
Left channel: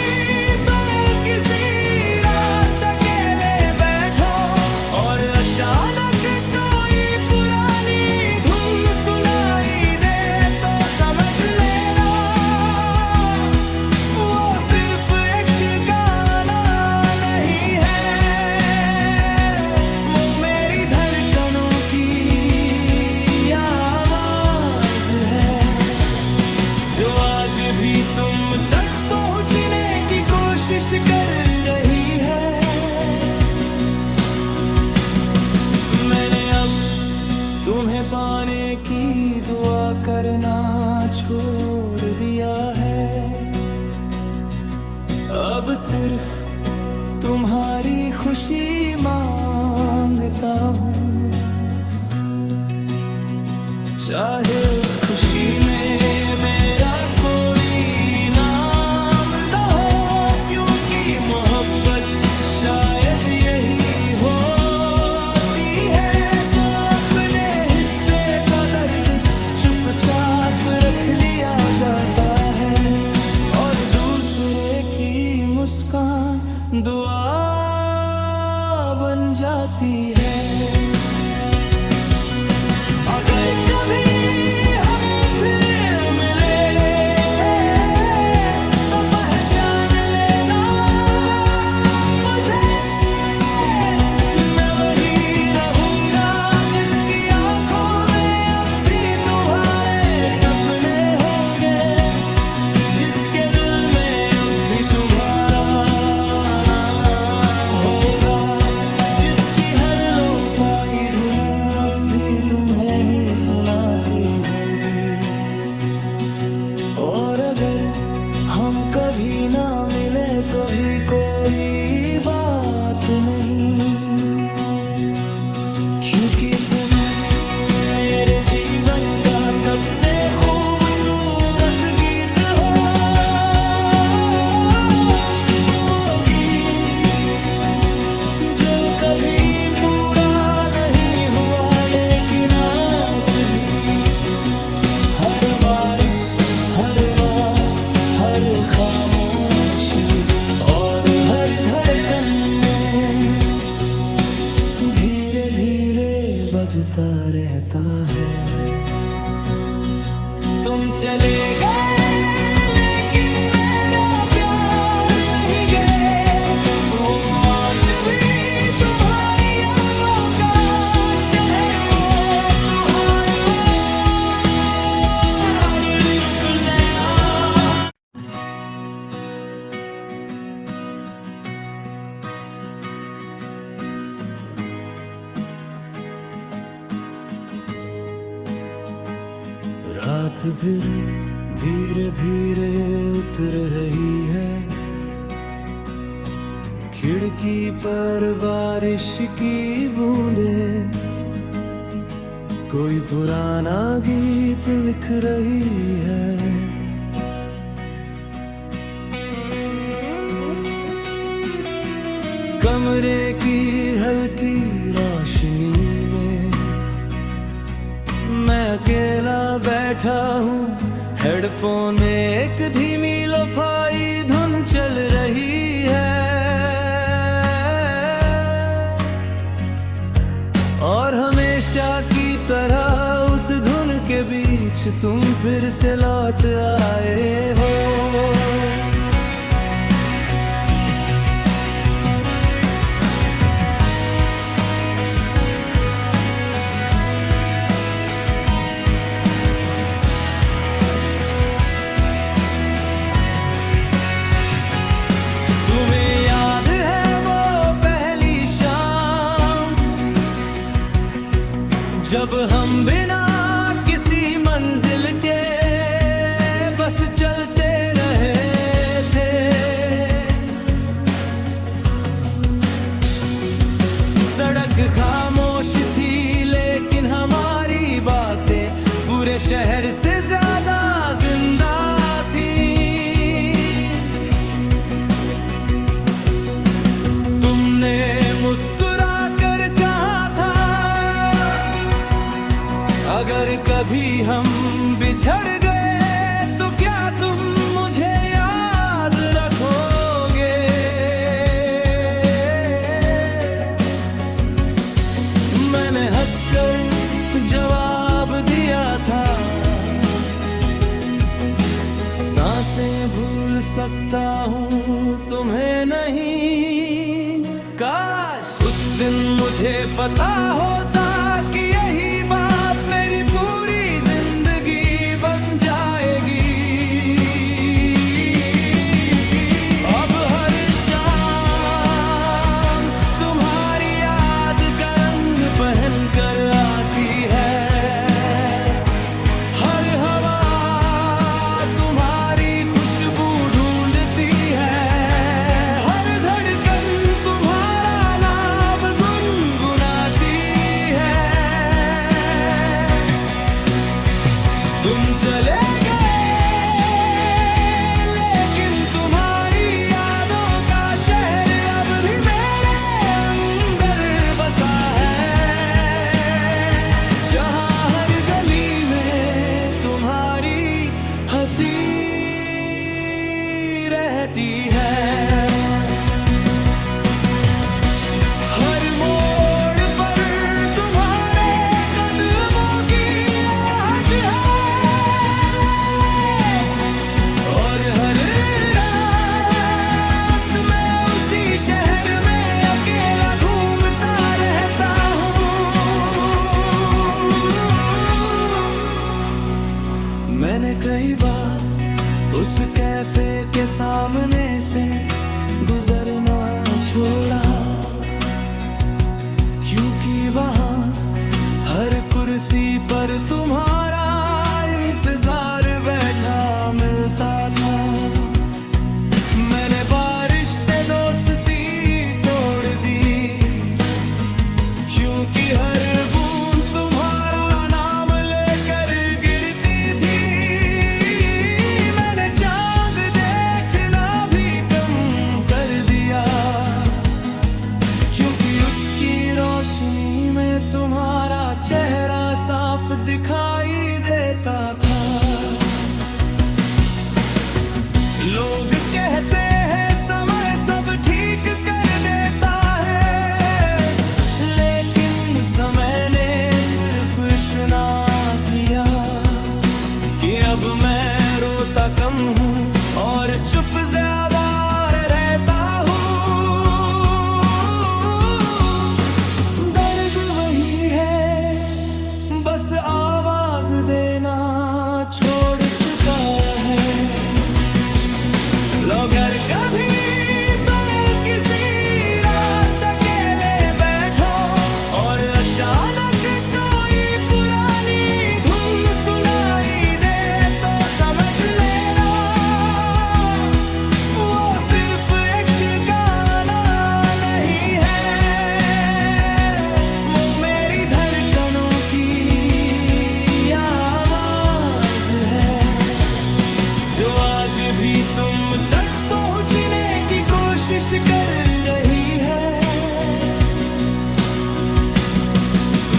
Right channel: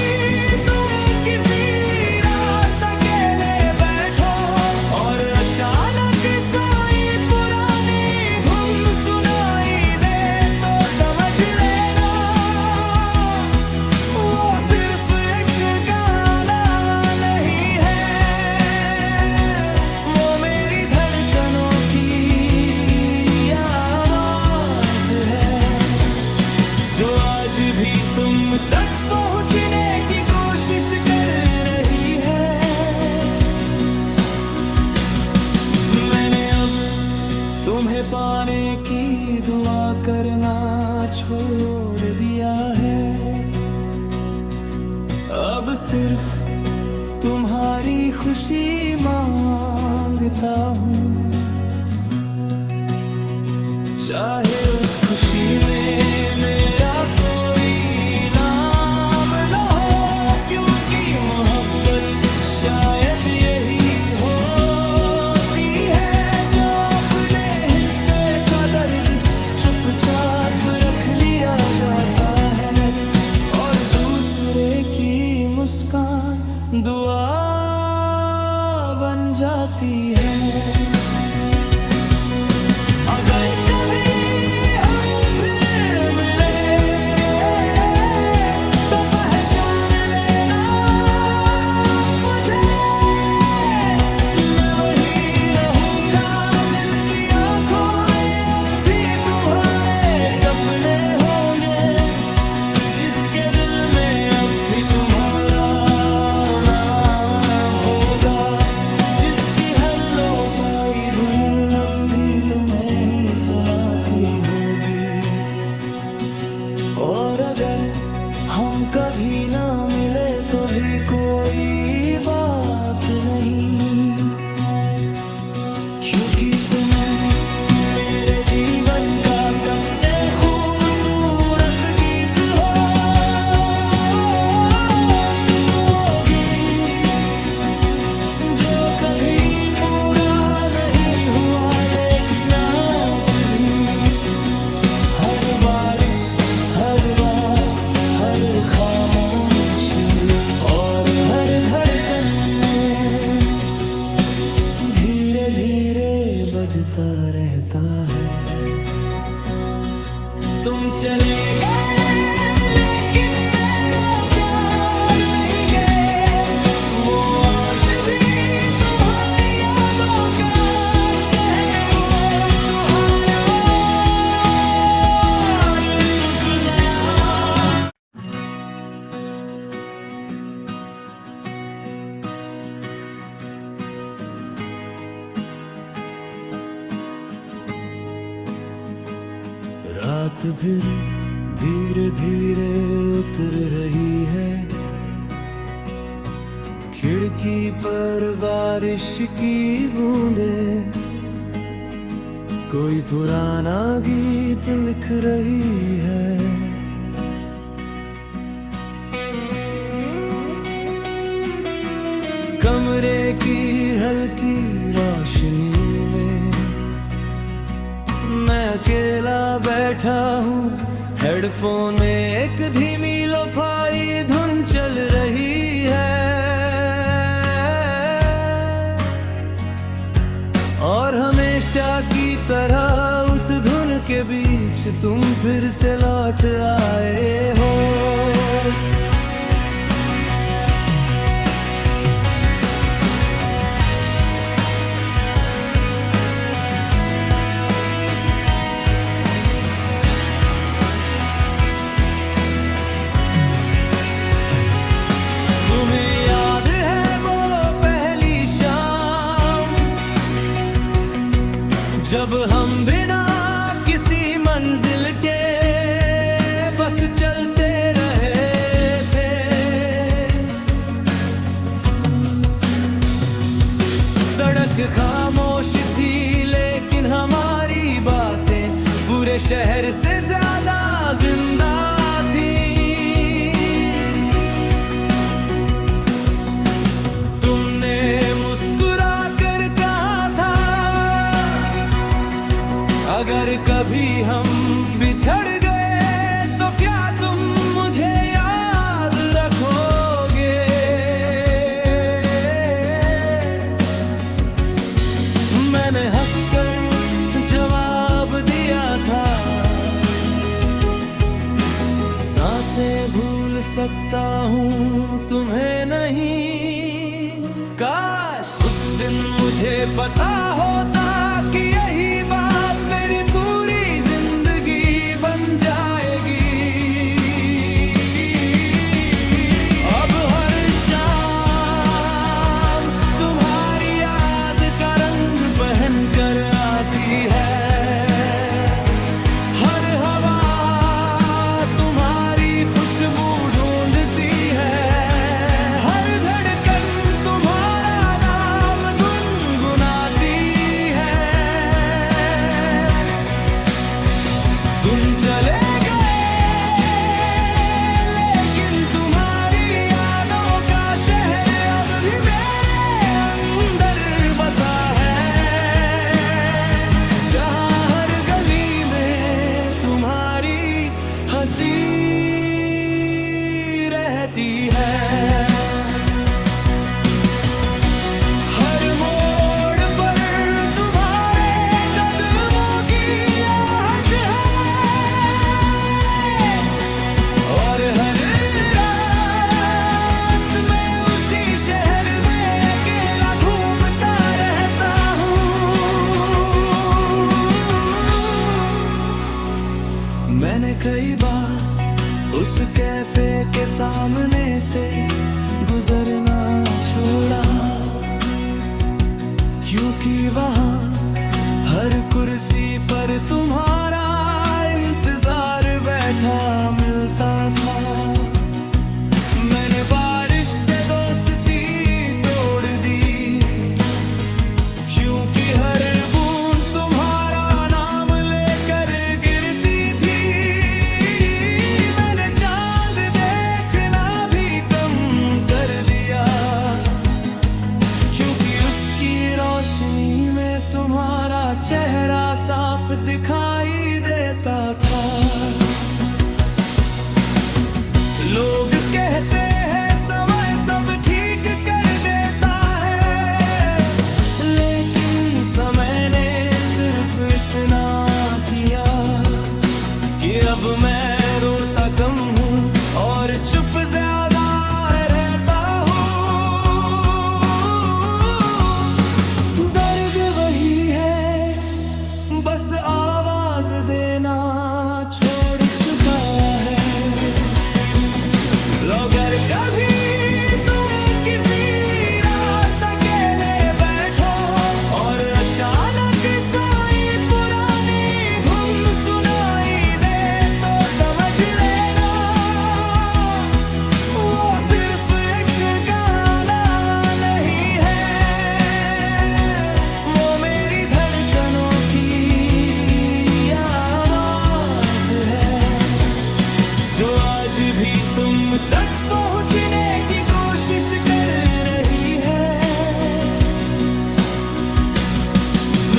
तुम किसी रात अकेले बैठो और अचानक कोई पुरानी धुन सुनाई दे, तो समझ लेना वो सिर्फ एक गाना नहीं है, वो मेरी धड़कनों की आवाज है, जो आज भी तुम तक पहुंचने की कोशिश कर रही है। मैंने अब तुम्हें पाने की दुआ करना छोड़ दिया है। अब सिर्फ तुम्हारी खुशी मांगता हूँ, चाहे उस खुशी में मेरा कोई नाम न हो, क्योंकि मोहब्बत शायद यही होती है, जो अपने हिस्से का दर्द चुपचाप रख लिया जाता है और दूसरे की मुस्कान दुआ बन जाती है। अगर कभी हम फिर मिले तो पहचान लेना मुझे, मैं वही रहूंगा जिसकी आंखों में अब भी तुम्हारे सपने होंगे, जिसके दिल में अब भी तुम्हारा नाम होगा, जिसकी हर लोफाई धुन अब भी तुम्हें ही सुनाती होगी। और अगर हम कभी ना मिले तो भी कोई बात नहीं, क्योंकि तुम मेरे जीवन का सबसे खूबसूरत गीत हो। वो गीत जो कभी पूरा नहीं हुआ, लेकिन आज भी हर बारिश, हर बार, हर खामोशी और हर धड़कन में धीरे धीरे बजता रहता है। तुम चले गए लेकिन मेरा प्यार नहीं गए, वो आज भी तुम्हारी यादों का शहर, वो तुम्हारा चुप गया। रात फिर धीरे धीरे उतर रही है, खिड़की पर बारिश की बूंदें कोई पुराना गीत लिख रही है। कमरे की हल्की रोशनी में मैं अकेला बैठा हूँ, हेडफोन में एक धीमी लोफाई धुन चल रही है, और हमेशा की तरह उस धुन के के बीच तुम फिर से लौट आए हो। तुम्हें याद है वो पहली शाम, जब हम बिना किसी मंजिल के बस चलते रहे थे। सड़क खामोश थी लेकिन हमारी बातें पूरे शहर से ज्यादा जिंदा थी। मुस्कुरा कर कहा था अगर कभी हम बिछड़ गए तो क्या तुम मुझे याद रखोगे। मैंने हंसकर जवाब दिया था, सांसें भूल सकता हूँ तुम्हें नहीं। काश उस दिन मुझे पता होता कि यही बात मेरी पूरी जिंदगी बन जाएगी। अब हर शाम तुम्हारी याद का रंग पहन कर आती है। हर हवा तुम्हारी खुशबू ढूंढती है। तुम चले गए लेकिन तुम्हारी यादों का शहर अब भी मेरे अंदर बसा है, जहाँ हर गली में तुम्हारी हंसी रहती है। मैंने कई बार उस कैफे के सामने से गुजरना छोड़ा, क्योंकि वहाँ हर कुर्सी पर तुम्हारा इंतजार बैठा मिलता था। मैंने बारिश से दोस्ती तोड़ दी, क्योंकि हर बूंद तुम्हारा नाम लेकर गिरती थी। मैंने चांद देखना भी कम कर दिया, क्योंकि उसकी रोशनी में तुम्हारा चेहरा साफ दिखाई देता था। लोग कहते हैं समय सब ठीक कर देता है, लेकिन समय ने सिर्फ इतना किया कि अब मैं रोता कम हूँ और चुप ज्यादा रहता हूँ। दर्द वही है, बस आवाज देना छोड़ चुका है। अगर कभी तुम किसी रात अकेले बैठो और अचानक कोई पुरानी धुन सुनाई दे, तो समझ लेना वो सिर्फ एक गाना नहीं है, वो मेरी धड़कनों की आवाज है, जो आज भी तुम तक पहुंचने की कोशिश कर रही है।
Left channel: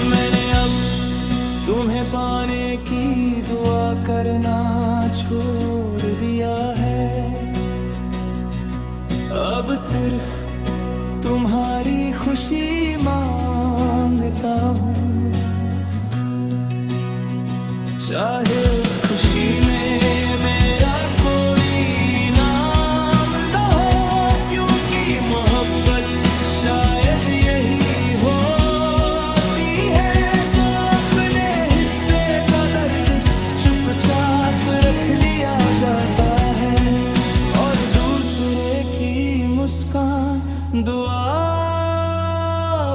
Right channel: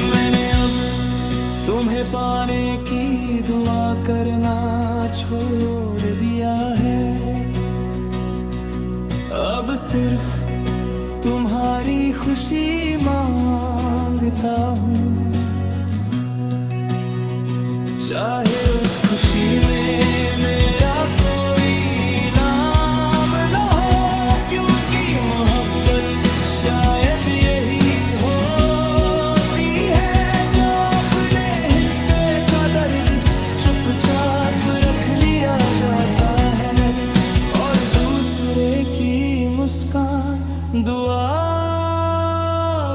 मैंने अब तुम्हें पाने की दुआ करना छोड़ दिया है। अब सिर्फ तुम्हारी खुशी मांगता हूँ। चाहे उस खुशी में मेरा कोई नाम न हो, क्योंकि मोहब्बत शायद यही होती है जो अपने हिस्से का दर्द चुपचाप रख लिया जाता है और दूसरे की मुस्कान दुआ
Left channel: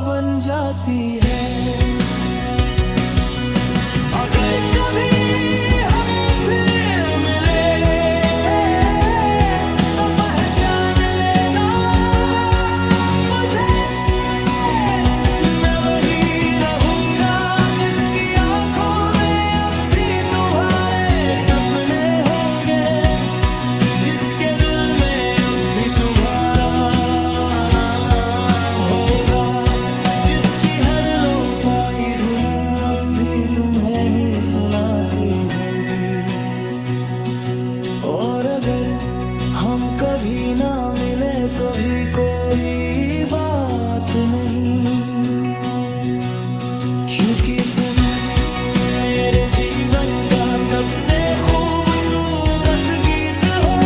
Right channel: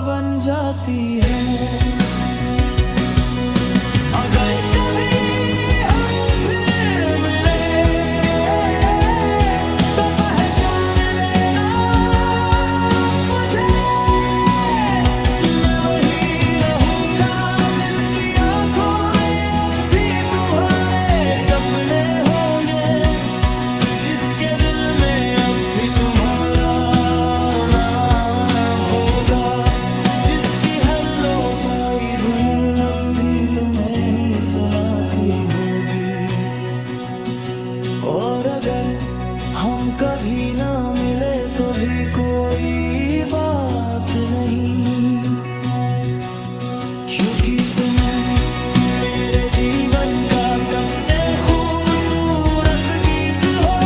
बन जाती है। अगर कभी हम फिर मिले तो पहचान लेना मुझे, मैं वही रहूंगा जिसकी आंखों में अब भी तुम्हारे सपने होंगे, जिसके दिल में अब भी तुम्हारा नाम होगा, जिसकी हर लोफाई धुन अब भी तुम्हें ही सुनाती होगी। और अगर हम कभी ना मिले तो भी कोई बात नहीं, क्योंकि तुम मेरे जीवन का सबसे खूबसूरत गीत हो।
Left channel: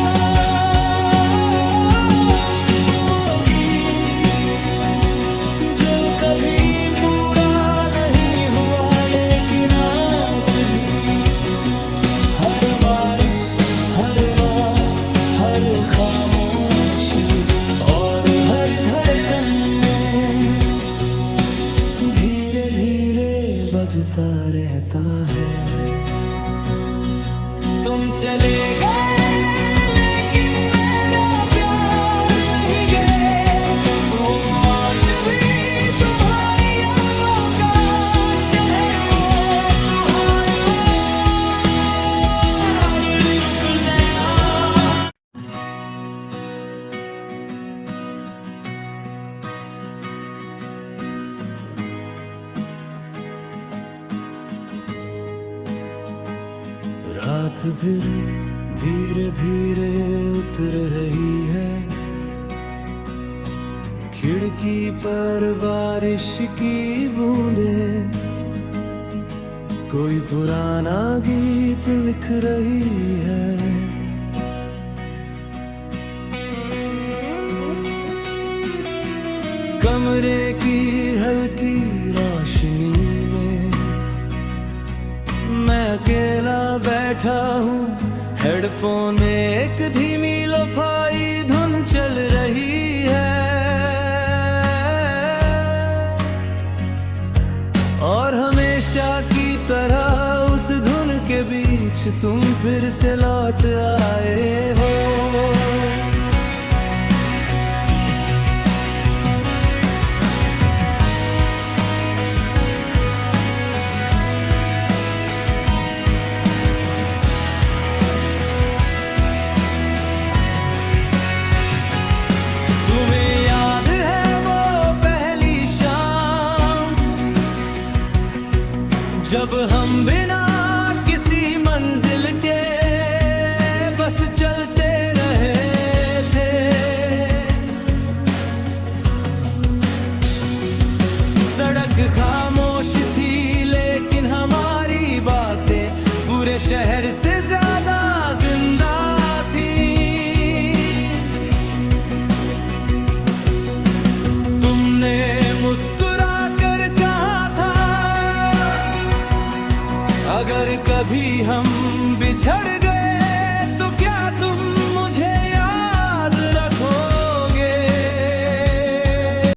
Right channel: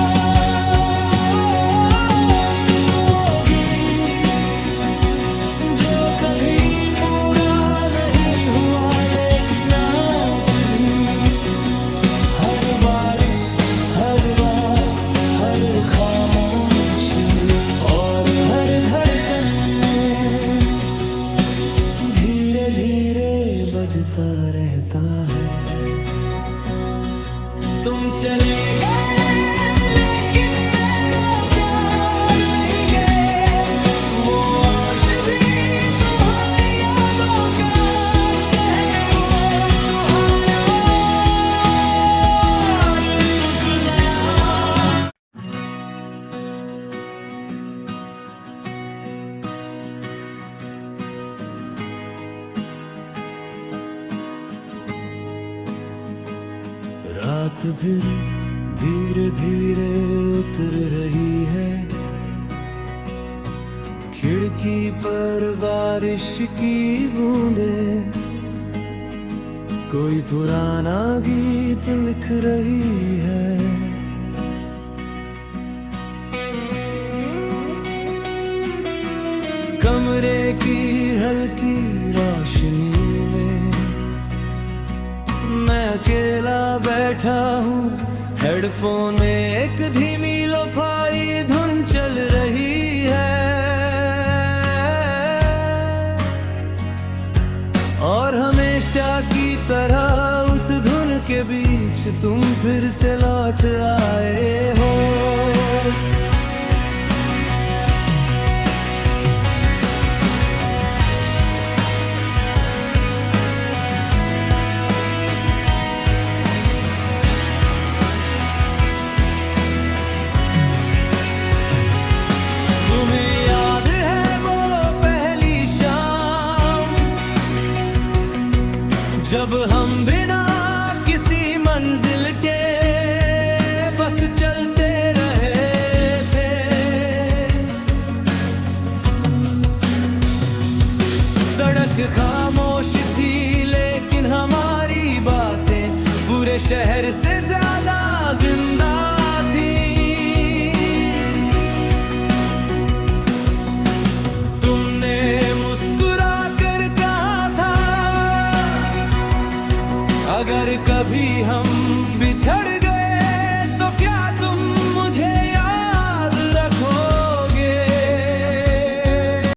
वो गीत जो कभी पूरा नहीं हुआ, लेकिन आज भी हर बारिश, हर बार, हर खामोशी और हर धड़कन में धीरे धीरे बजता रहता है। तुम चले गए लेकिन मेरा प्यार नहीं गए, वो आज भी तुम्हारी यादों का शहर, वो तुम्हारा चुप गया। रात फिर धीरे धीरे उतर रही है, खिड़की पर बारिश की बूंदें कोई पुराना गीत लिख रही है। कमरे की हल्की रोशनी में मैं अकेला बैठा हूँ, हेडफोन में एक धीमी लोफाई धुन चल रही है और हमेशा की तरह उस धुन के बीच तुम फिर से लौट आए हो। तुम्हें याद है वो पहली शाम जब हम बिना किसी मंजिल के बस चलते रहे थे। सड़क खामोश थी लेकिन हमारी बातें पूरे शहर से ज्यादा जिंदा थी। मुस्कुरा कर कहा था अगर कभी हम बिछड़